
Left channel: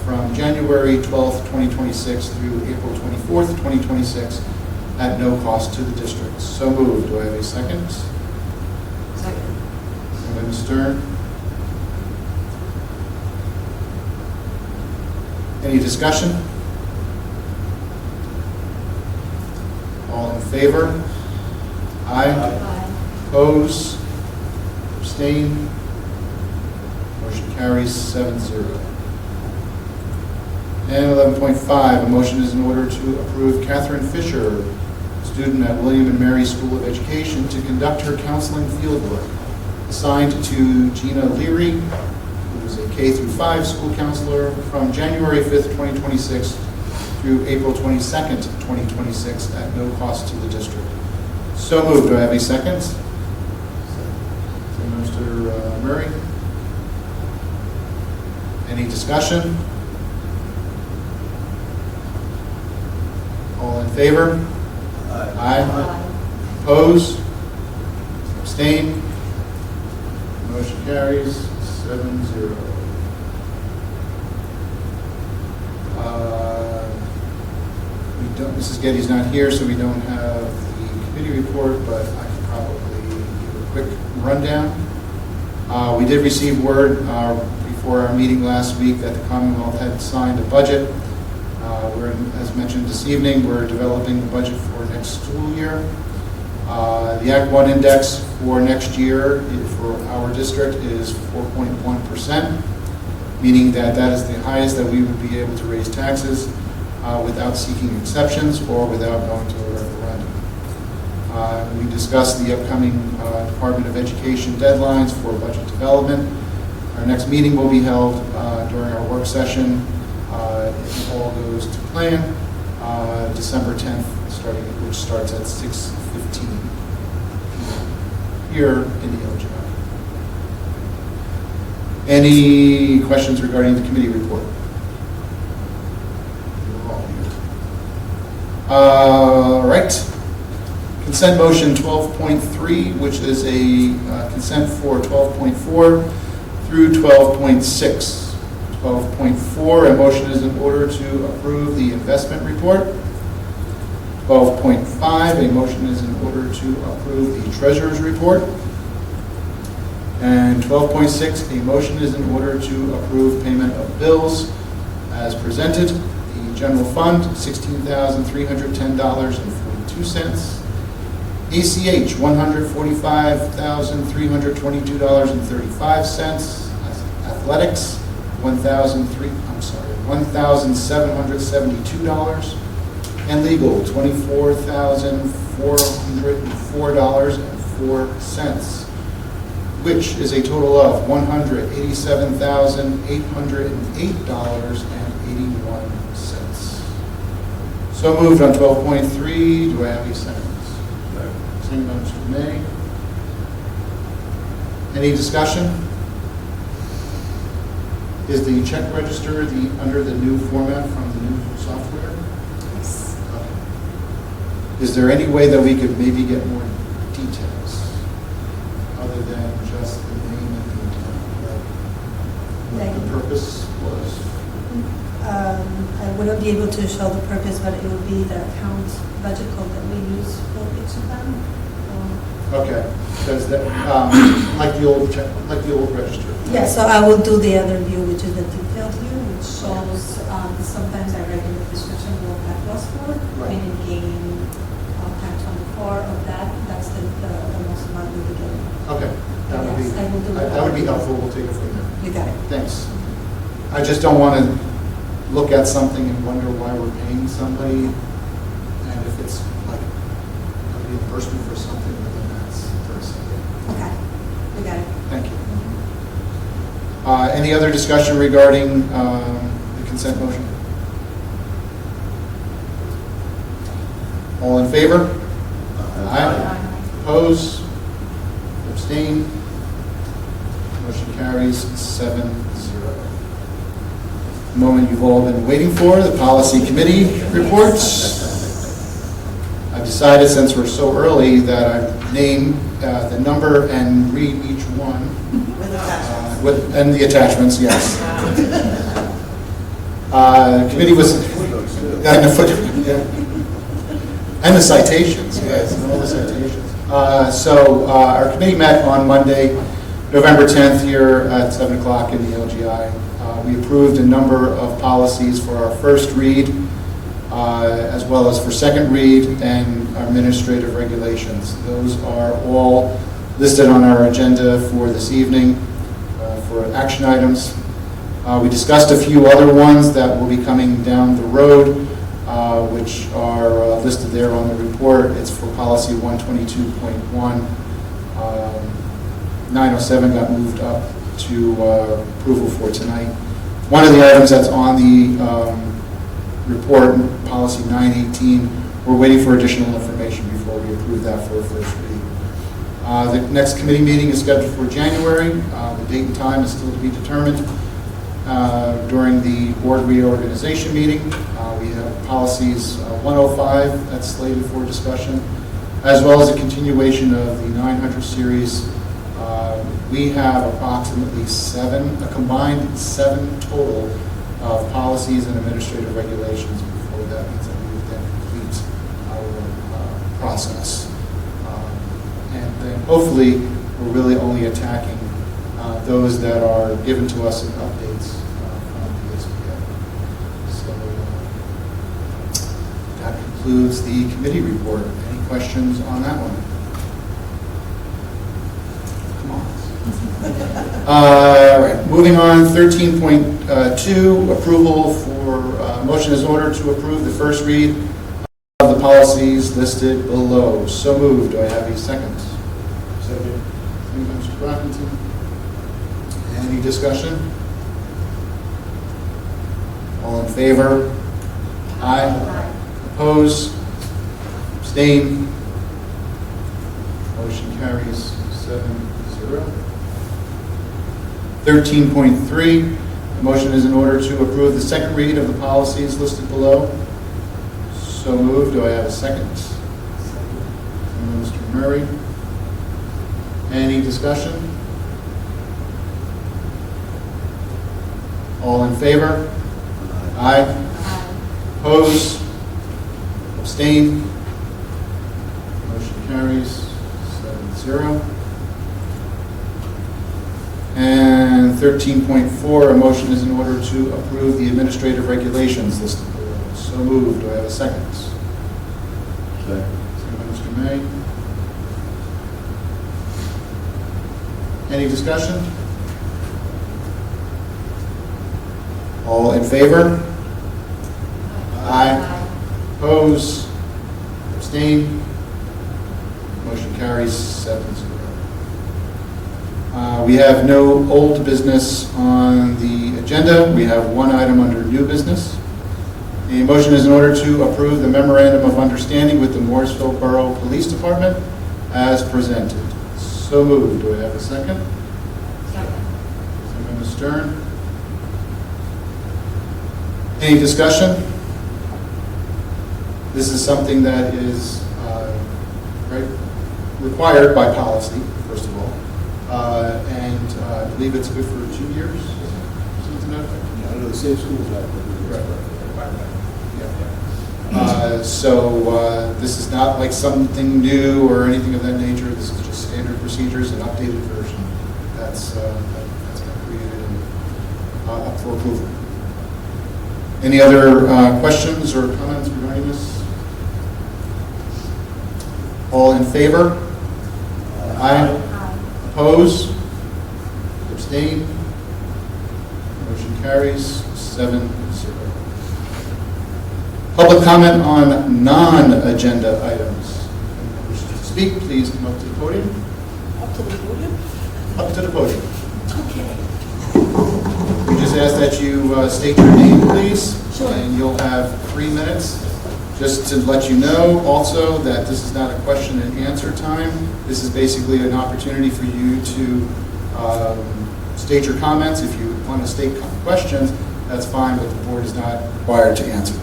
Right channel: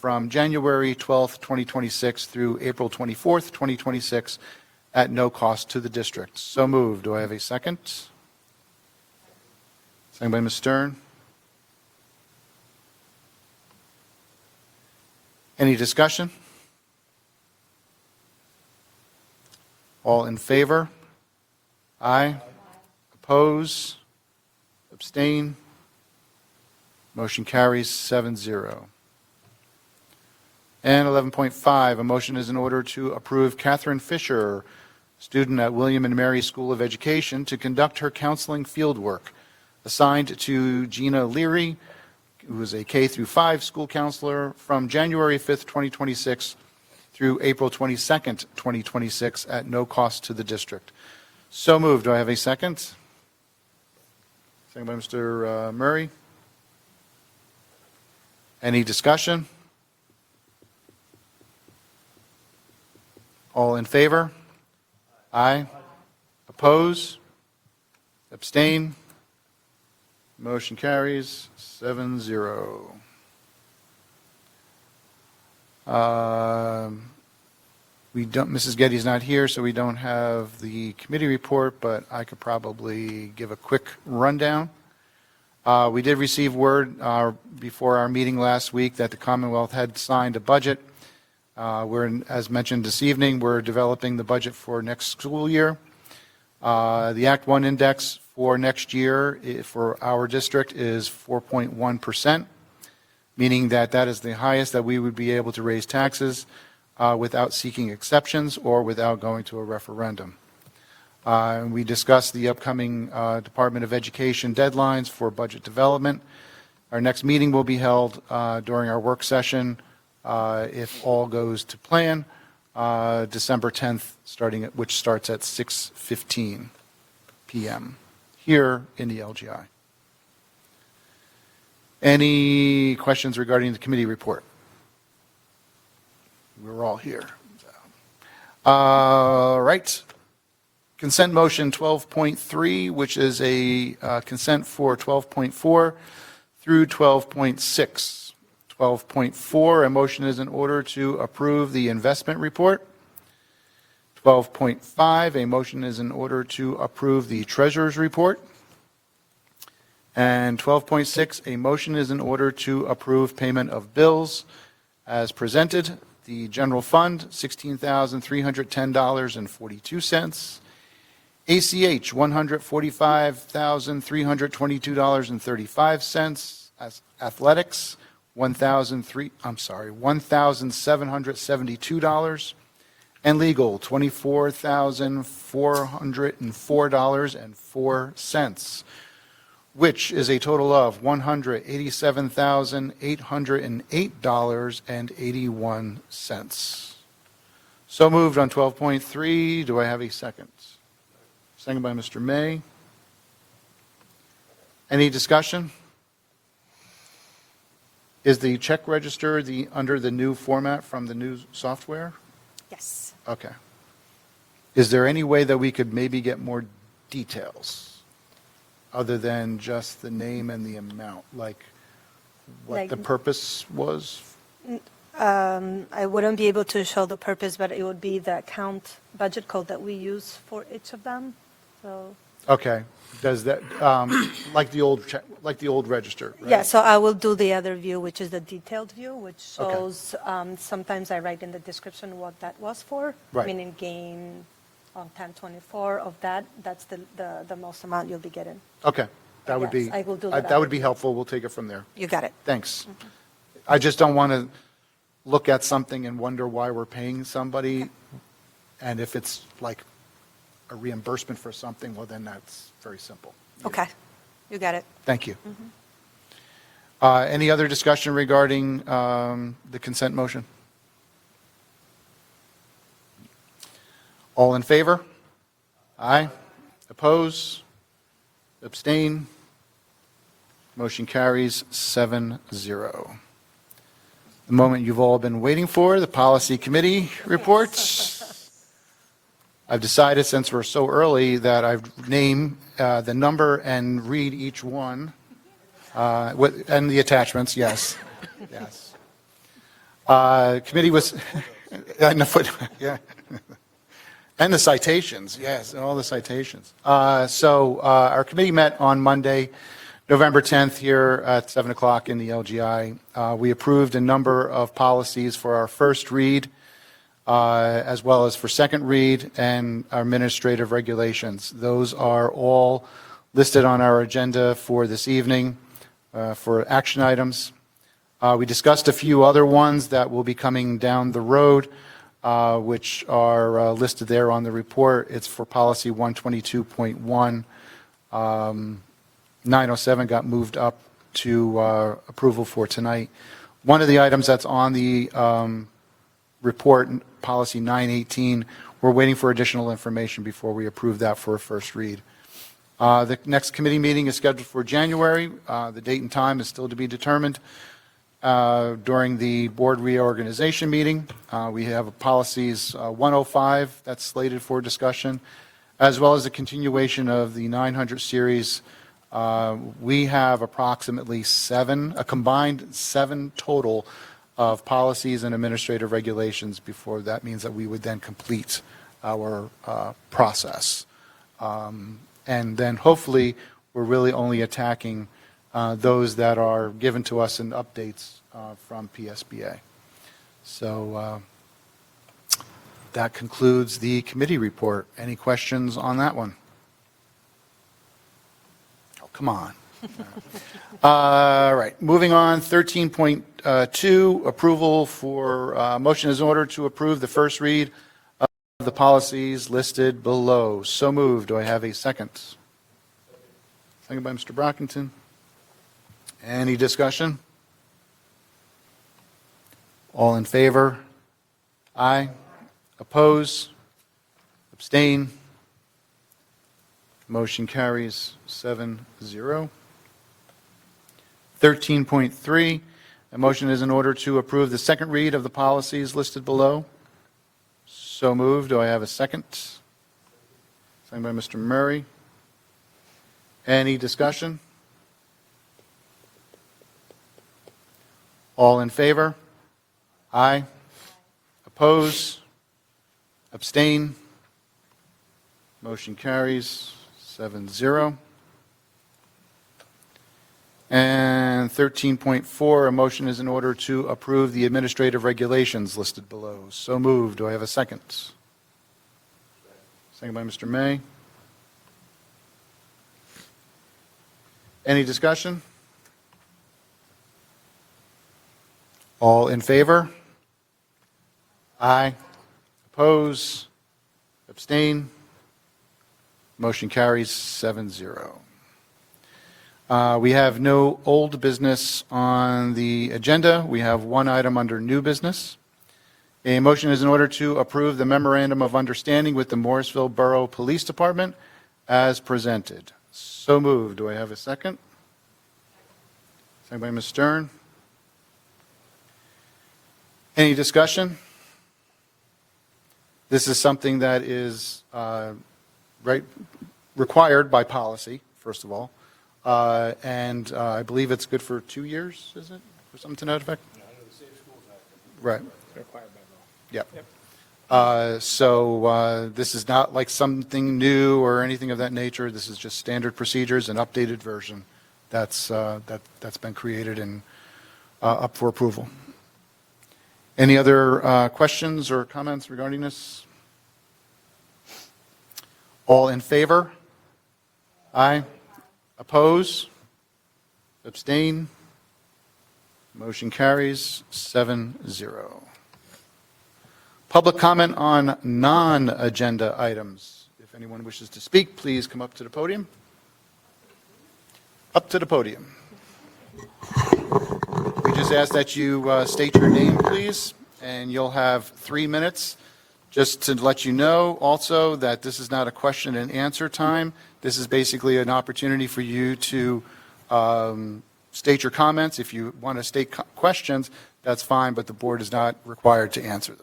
from January 12th, 2026 through April 24th, 2026 at no cost to the district. So moved. Do I have a second? Second. Second by Ms. Stern. Any discussion? All in favor? Aye. Oppose? Abstain? Motion carries 7-0. And 11.5, a motion is in order to approve Catherine Fisher, student at William and Mary School of Education, to conduct her counseling fieldwork. Assigned to Gina Leary, who is a K-5 school counselor from January 5th, 2026 through April 22nd, 2026 at no cost to the district. So moved. Do I have a second? Second by Mr. Murray. Any discussion? All in favor? Aye. Oppose? Abstain? Motion carries 7-0. We don't, Mrs. Getty's not here, so we don't have the committee report, but I can probably give a quick rundown. We did receive word before our meeting last week that the Commonwealth had signed a budget. As mentioned this evening, we're developing the budget for next school year. The Act 1 index for next year for our district is 4.1%, meaning that that is the highest that we would be able to raise taxes without seeking exceptions or without going to a referendum. We discussed the upcoming Department of Education deadlines for budget development. Our next meeting will be held during our work session, if all goes to plan, December 10th, which starts at 6:15 p.m. here in the LGI. Any questions regarding the committee report? We're all here. All right. Consent motion 12.3, which is a consent for 12.4 through 12.6. 12.4, a motion is in order to approve the investment report. 12.5, a motion is in order to approve the treasurer's report. And 12.6, a motion is in order to approve payment of bills as presented. The general fund, $16,310.42. ACH, $145,322.35. Athletics, $1,772. And legal, $24,404.04, which is a total of $187,808.81. So moved on 12.3. Do I have a second? Second by Mr. May. Any discussion? Is the check register under the new format from the new software? Yes. Okay. Is there any way that we could maybe get more details other than just the name and the amount, like the purpose was? I wouldn't be able to show the purpose, but it would be the account budget code that we use for each of them. Okay, because that, like the old check, like the old register. Yeah, so I will do the other view, which is the detailed view, which shows, sometimes I write in the description what that was for. Right. And again, Act 24 of that, that's the most amount we'll be getting. Okay, that would be, Yes, I will do that would be helpful. We'll take it from there. You got it. Thanks. I just don't want to look at something and wonder why we're paying somebody, and if it's like a reimbursement for something, well, then that's first. Okay, you got it. Thank you. Any other discussion regarding the consent motion? All in favor? Aye. Oppose? Abstain? Motion carries 7-0. The moment you've all been waiting for, the policy committee reports. I've decided, since we're so early, that I name the number and read each one. And the attachments, yes. Committee was, and the citations, yes, and all the citations. So our committee met on Monday, November 10th here at 7 o'clock in the LGI. We approved a number of policies for our first read, as well as for second read and our administrative regulations. Those are all listed on our agenda for this evening for action items. We discussed a few other ones that will be coming down the road, which are listed there on the report. It's for policy 122.1. 907 got moved up to approval for tonight. One of the items that's on the report, policy 918, we're waiting for additional information before we approve that for a first read. The next committee meeting is scheduled for January. The date and time is still to be determined. During the board reorganization meeting, we have policies 105 that's slated for discussion, as well as a continuation of the 900 series. We have approximately a combined 7 total of policies and administrative regulations before that means that we would then complete our process. And then hopefully we're really only attacking those that are given to us in updates from the PSBA. So that concludes the committee report. Any questions on that one? Come on. All right, moving on, 13.2, approval for, motion is ordered to approve the first read of the policies listed below. So moved. Do I have a second? Second. Second by Mr. Brockington. Any discussion? All in favor? Aye. Oppose? Abstain? Motion carries 7-0. 13.3, a motion is in order to approve the second read of the policies listed below. So moved. Do I have a second? Second by Mr. Murray. Any discussion? All in favor? Aye. Oppose? Abstain? Motion carries 7-0. And 13.4, a motion is in order to approve the administrative regulations listed below. So moved. Do I have a second? Second. Second by Mr. May. Any discussion? All in favor? Aye. Oppose? Abstain? Motion carries 7-0. We have no old business on the agenda. We have one item under new business. A motion is in order to approve the memorandum of understanding with the Morrisville Borough Police Department as presented. So moved. Do I have a second? Second. Second by Ms. Stern. Any discussion? This is something that is required by policy, first of all. And I believe it's good for 2 years, something to that effect? Yeah, under the Safe Schools Act. Right. Yeah. So this is not like something new or anything of that nature. This is just standard procedures, an updated version that's been created and up for approval. Any other questions or comments regarding this? All in favor? Aye. Oppose? Abstain? Motion carries 7-0. Public comment on non-agenda items. Anyone who wishes to speak, please come up to the podium. Up to the podium? Up to the podium. Okay. We just ask that you state your name, please, Sure. and you'll have 3 minutes. Just to let you know also that this is not a question and answer time. This is basically an opportunity for you to state your comments. If you want to state questions, that's fine, but the board is not required to answer.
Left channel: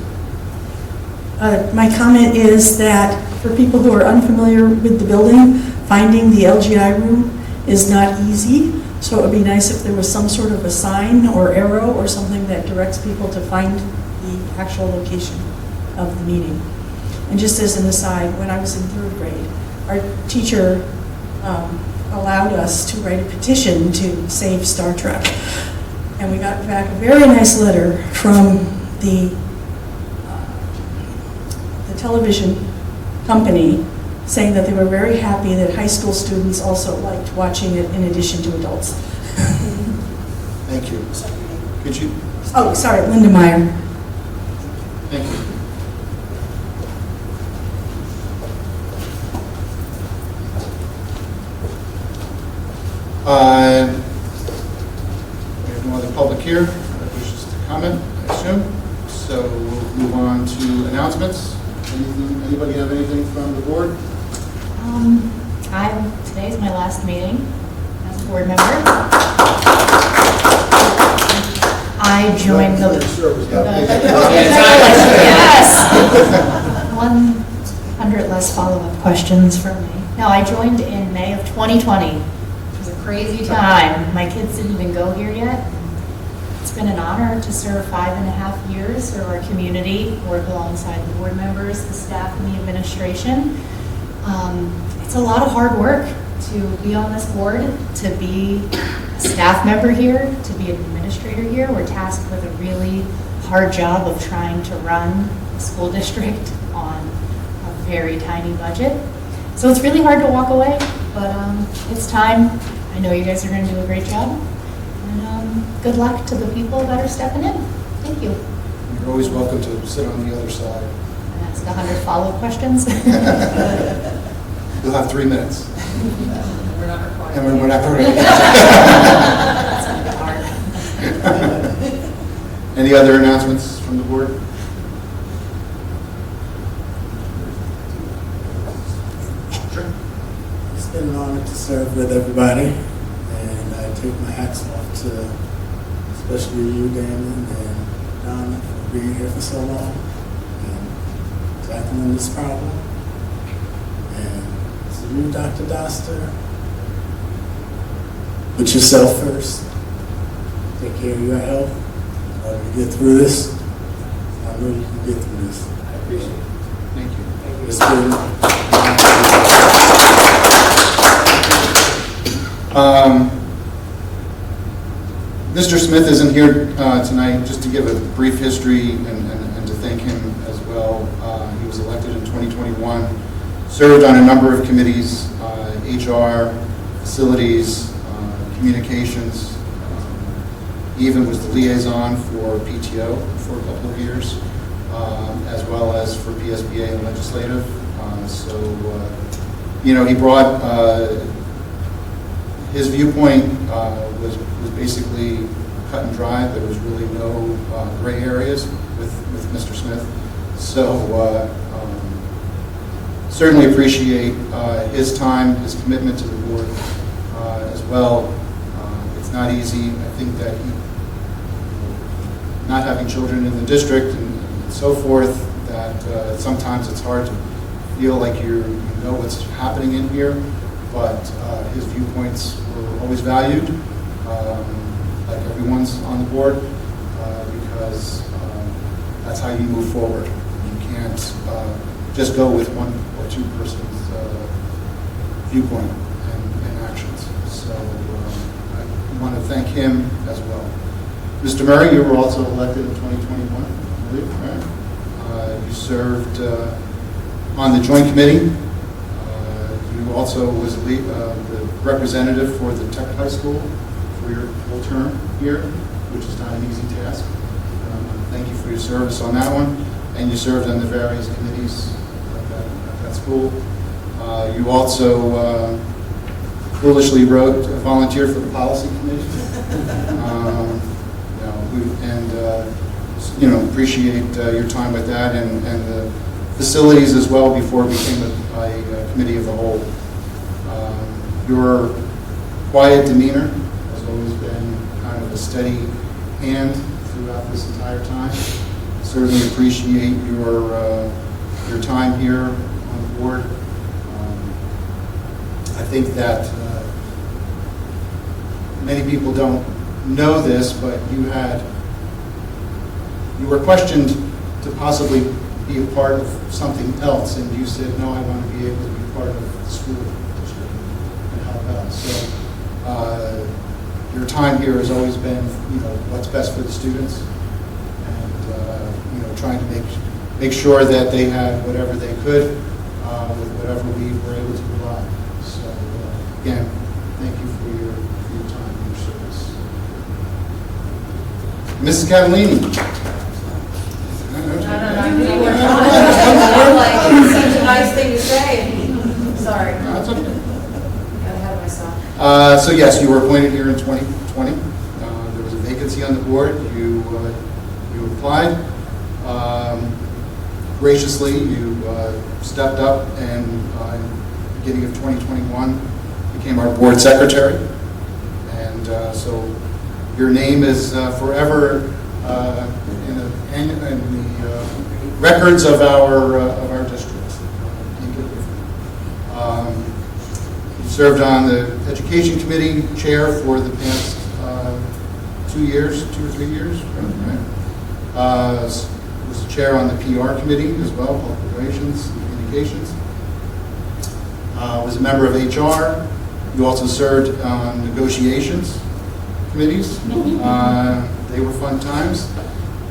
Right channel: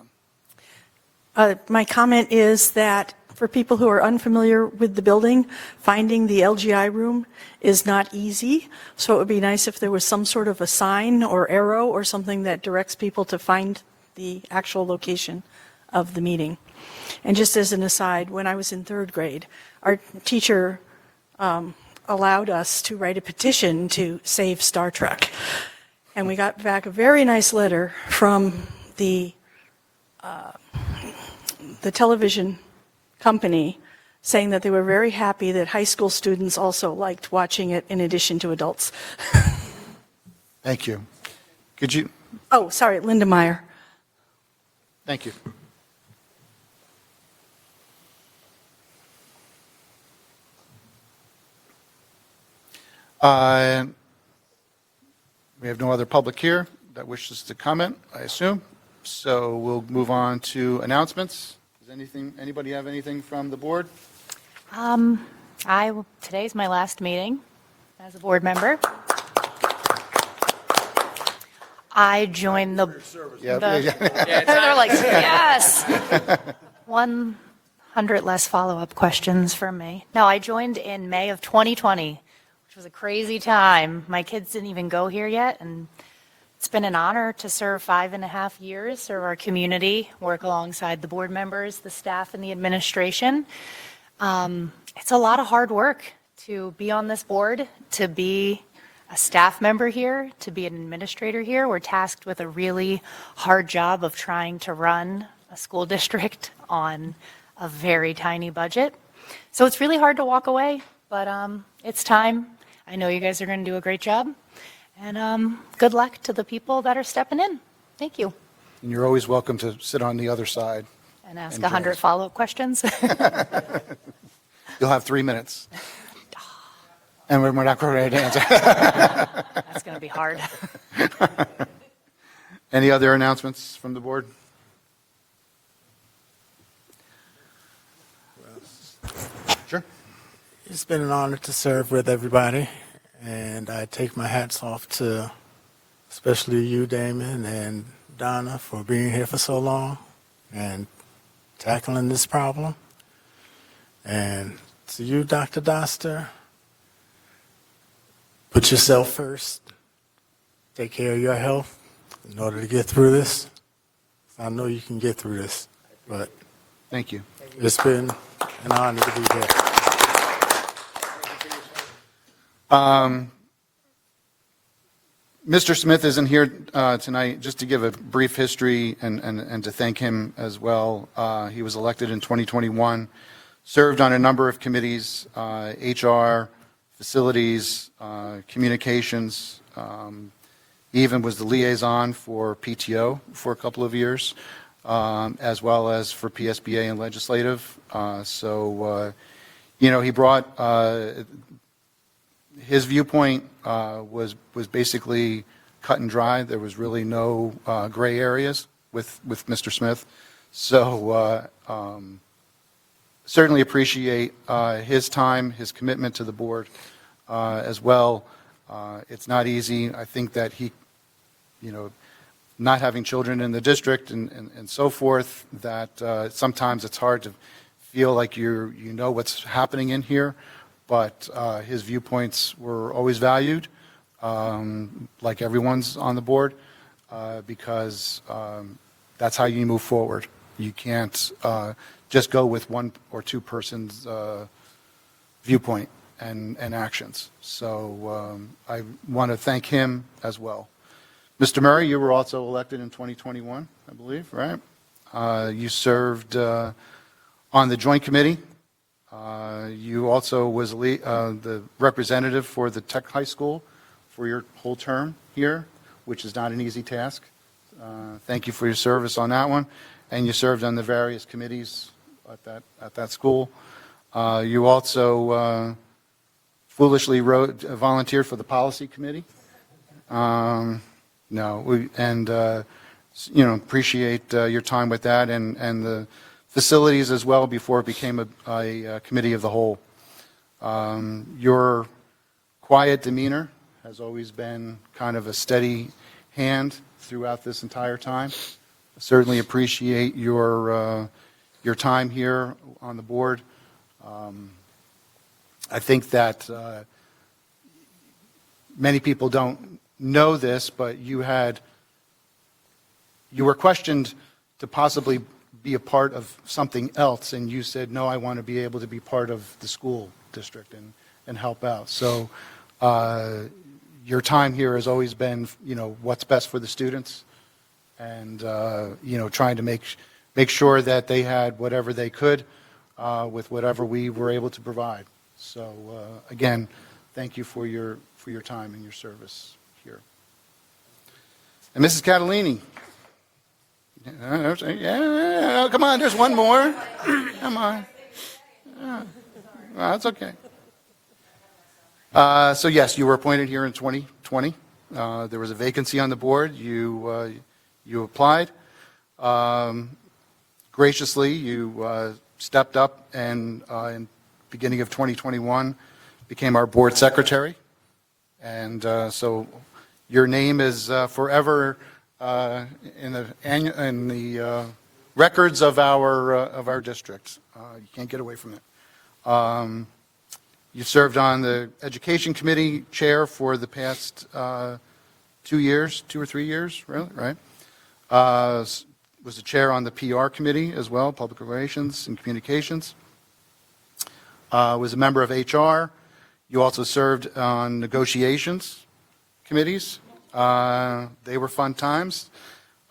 My comment is that for people who are unfamiliar with the building, finding the LGI room is not easy. So it would be nice if there was some sort of a sign or arrow or something that directs people to find the actual location of the meeting. And just as an aside, when I was in 3rd grade, our teacher allowed us to write a petition to save Star Trek. And we got back a very nice letter from the television company saying that they were very happy that high school students also liked watching it in addition to adults. Thank you. Could you? Oh, sorry, Linda Meyer. Thank you. We have no other public here that wishes to comment, I assume. So we'll move on to announcements. Anybody have anything from the board? Today's my last meeting as a board member. I joined the yes. 100 less follow-up questions from me. No, I joined in May of 2020. It was a crazy time. My kids didn't even go here yet. It's been an honor to serve 5.5 years, serve our community, work alongside the board members, the staff, and the administration. It's a lot of hard work to be on this board, to be a staff member here, to be an administrator here. We're tasked with a really hard job of trying to run a school district on a very tiny budget. So it's really hard to walk away, but it's time. I I know you guys are going to do a great job. And good luck to the people that are stepping in. Thank you. You're always welcome to sit on the other side. And ask 100 follow-up questions. You'll have 3 minutes. We're not required. And we're not going That's going to be hard. to. Any other announcements from the board? Sure. It's been an honor to serve with everybody, and I take my hats off to especially you, Damon, and Donna, for being here for so long and tackling this problem. And to you, Dr. Doster, put yourself first. Take care of your health in order to get through this. I know you can get through this. I appreciate it. Thank you. Let's do Mr. Smith isn't here tonight, just to give a brief history and to thank him as well. He was elected in 2021, served on a number of committees, HR, facilities, communications, even was the liaison for PTO for a couple of years, as well as for PSBA and legislative. He brought his viewpoint was basically cut and dry. There was really no gray areas with Mr. Smith. So certainly appreciate his time, his commitment to the board as well. It's not easy. I think that not having children in the district and so forth, that sometimes it's hard to feel like you know what's happening in here, but his viewpoints were always valued, like everyone's on the board, because that's how you move forward. You can't just go with one or two person's viewpoint and actions. So I want to thank him as well. Mr. Murray, you were also elected in 2021, I believe, right? You served on the joint committee. You also was the representative for the Tech High School for your whole term here, which is not an easy task. Thank you for your service on that one. And you served on the various committees at that school. You also foolishly volunteered for the policy committee. Appreciate your time with that and the facilities as well before it became a committee of the whole. Your quiet demeanor has always been kind of a steady hand throughout this entire time. Certainly appreciate your time here on the board. I think that many people don't know this, but you were questioned to possibly be a part of something else, and you said, no, I want to be able to be part of the school district and help out. So your time here has always been, what's best for the students, and trying to make sure that they had whatever they could with whatever we were able to provide. So again, thank you for your time and your service. And Mrs. Catalini. Such a nice thing to say. Sorry. No, that's okay. Got ahead of myself. So yes, you were appointed here in 2020. There was a vacancy on the board. You applied. Graciously, you stepped up and in the beginning of 2021 became our board secretary. And so your name is forever in the records of our districts. Can't get away from it. You served on the Education Committee chair for the past 2 or 3 years, right? Was the chair on the PR committee as well, Public Relations and Communications. Was a member of HR. You also served on negotiations committees. They were fun times.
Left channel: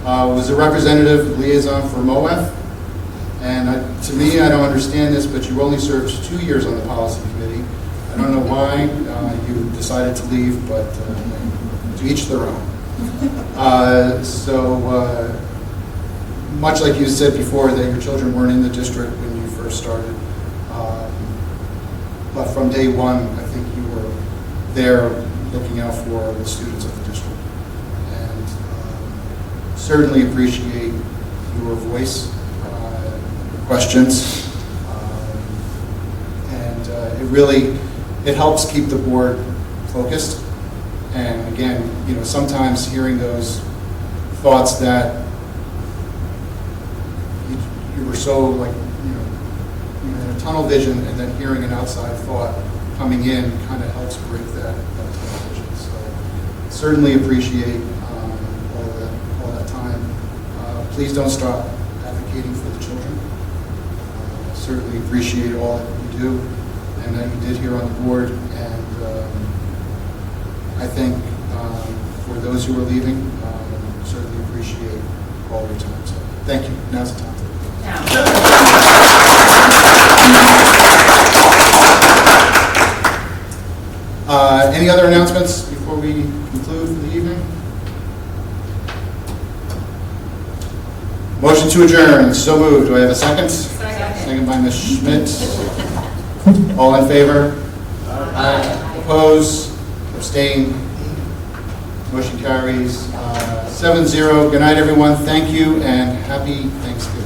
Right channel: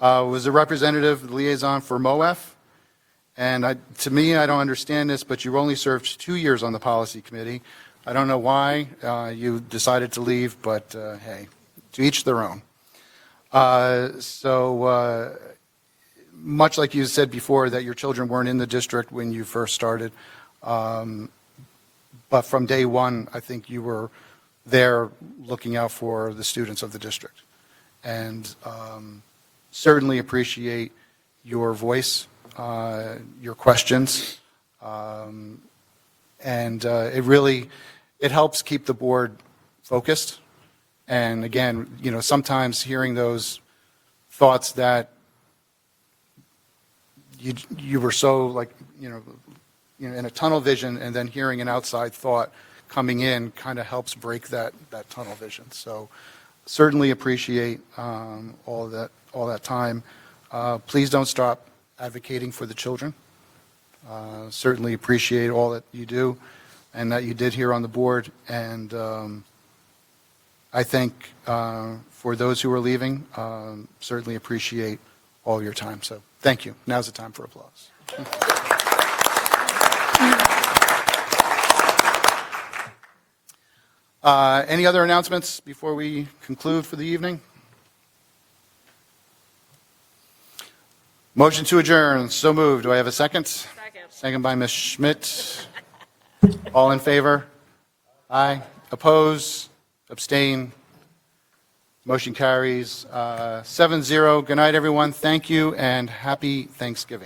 Was a representative liaison for MOEF. And to me, I don't understand this, but you only served 2 years on the policy committee. I don't know why you decided to leave, but to each their own. Much like you said before, that your children weren't in the district when you first started, but from day one, I think you were there looking out for the students of the district. And certainly appreciate your voice, your questions, and it helps keep the board focused. And again, sometimes hearing those thoughts that you were so like, you had a tunnel vision, and then hearing an outside thought coming in kind of helps break that tunnel vision. So certainly appreciate all that time. Please don't stop advocating for the children. Certainly appreciate all that you do and that you did here on the board. And I think for those who are leaving, certainly appreciate all your time. So thank you. Now's the time. Any other announcements before we conclude for the evening? Motion to adjourn. So moved. Do I have a second? Second by Ms. Schmidt. All in favor? Aye. Opposed? Abstained? Motion carries 7-0. Good night, everyone. Thank you, and happy Thanksgiving.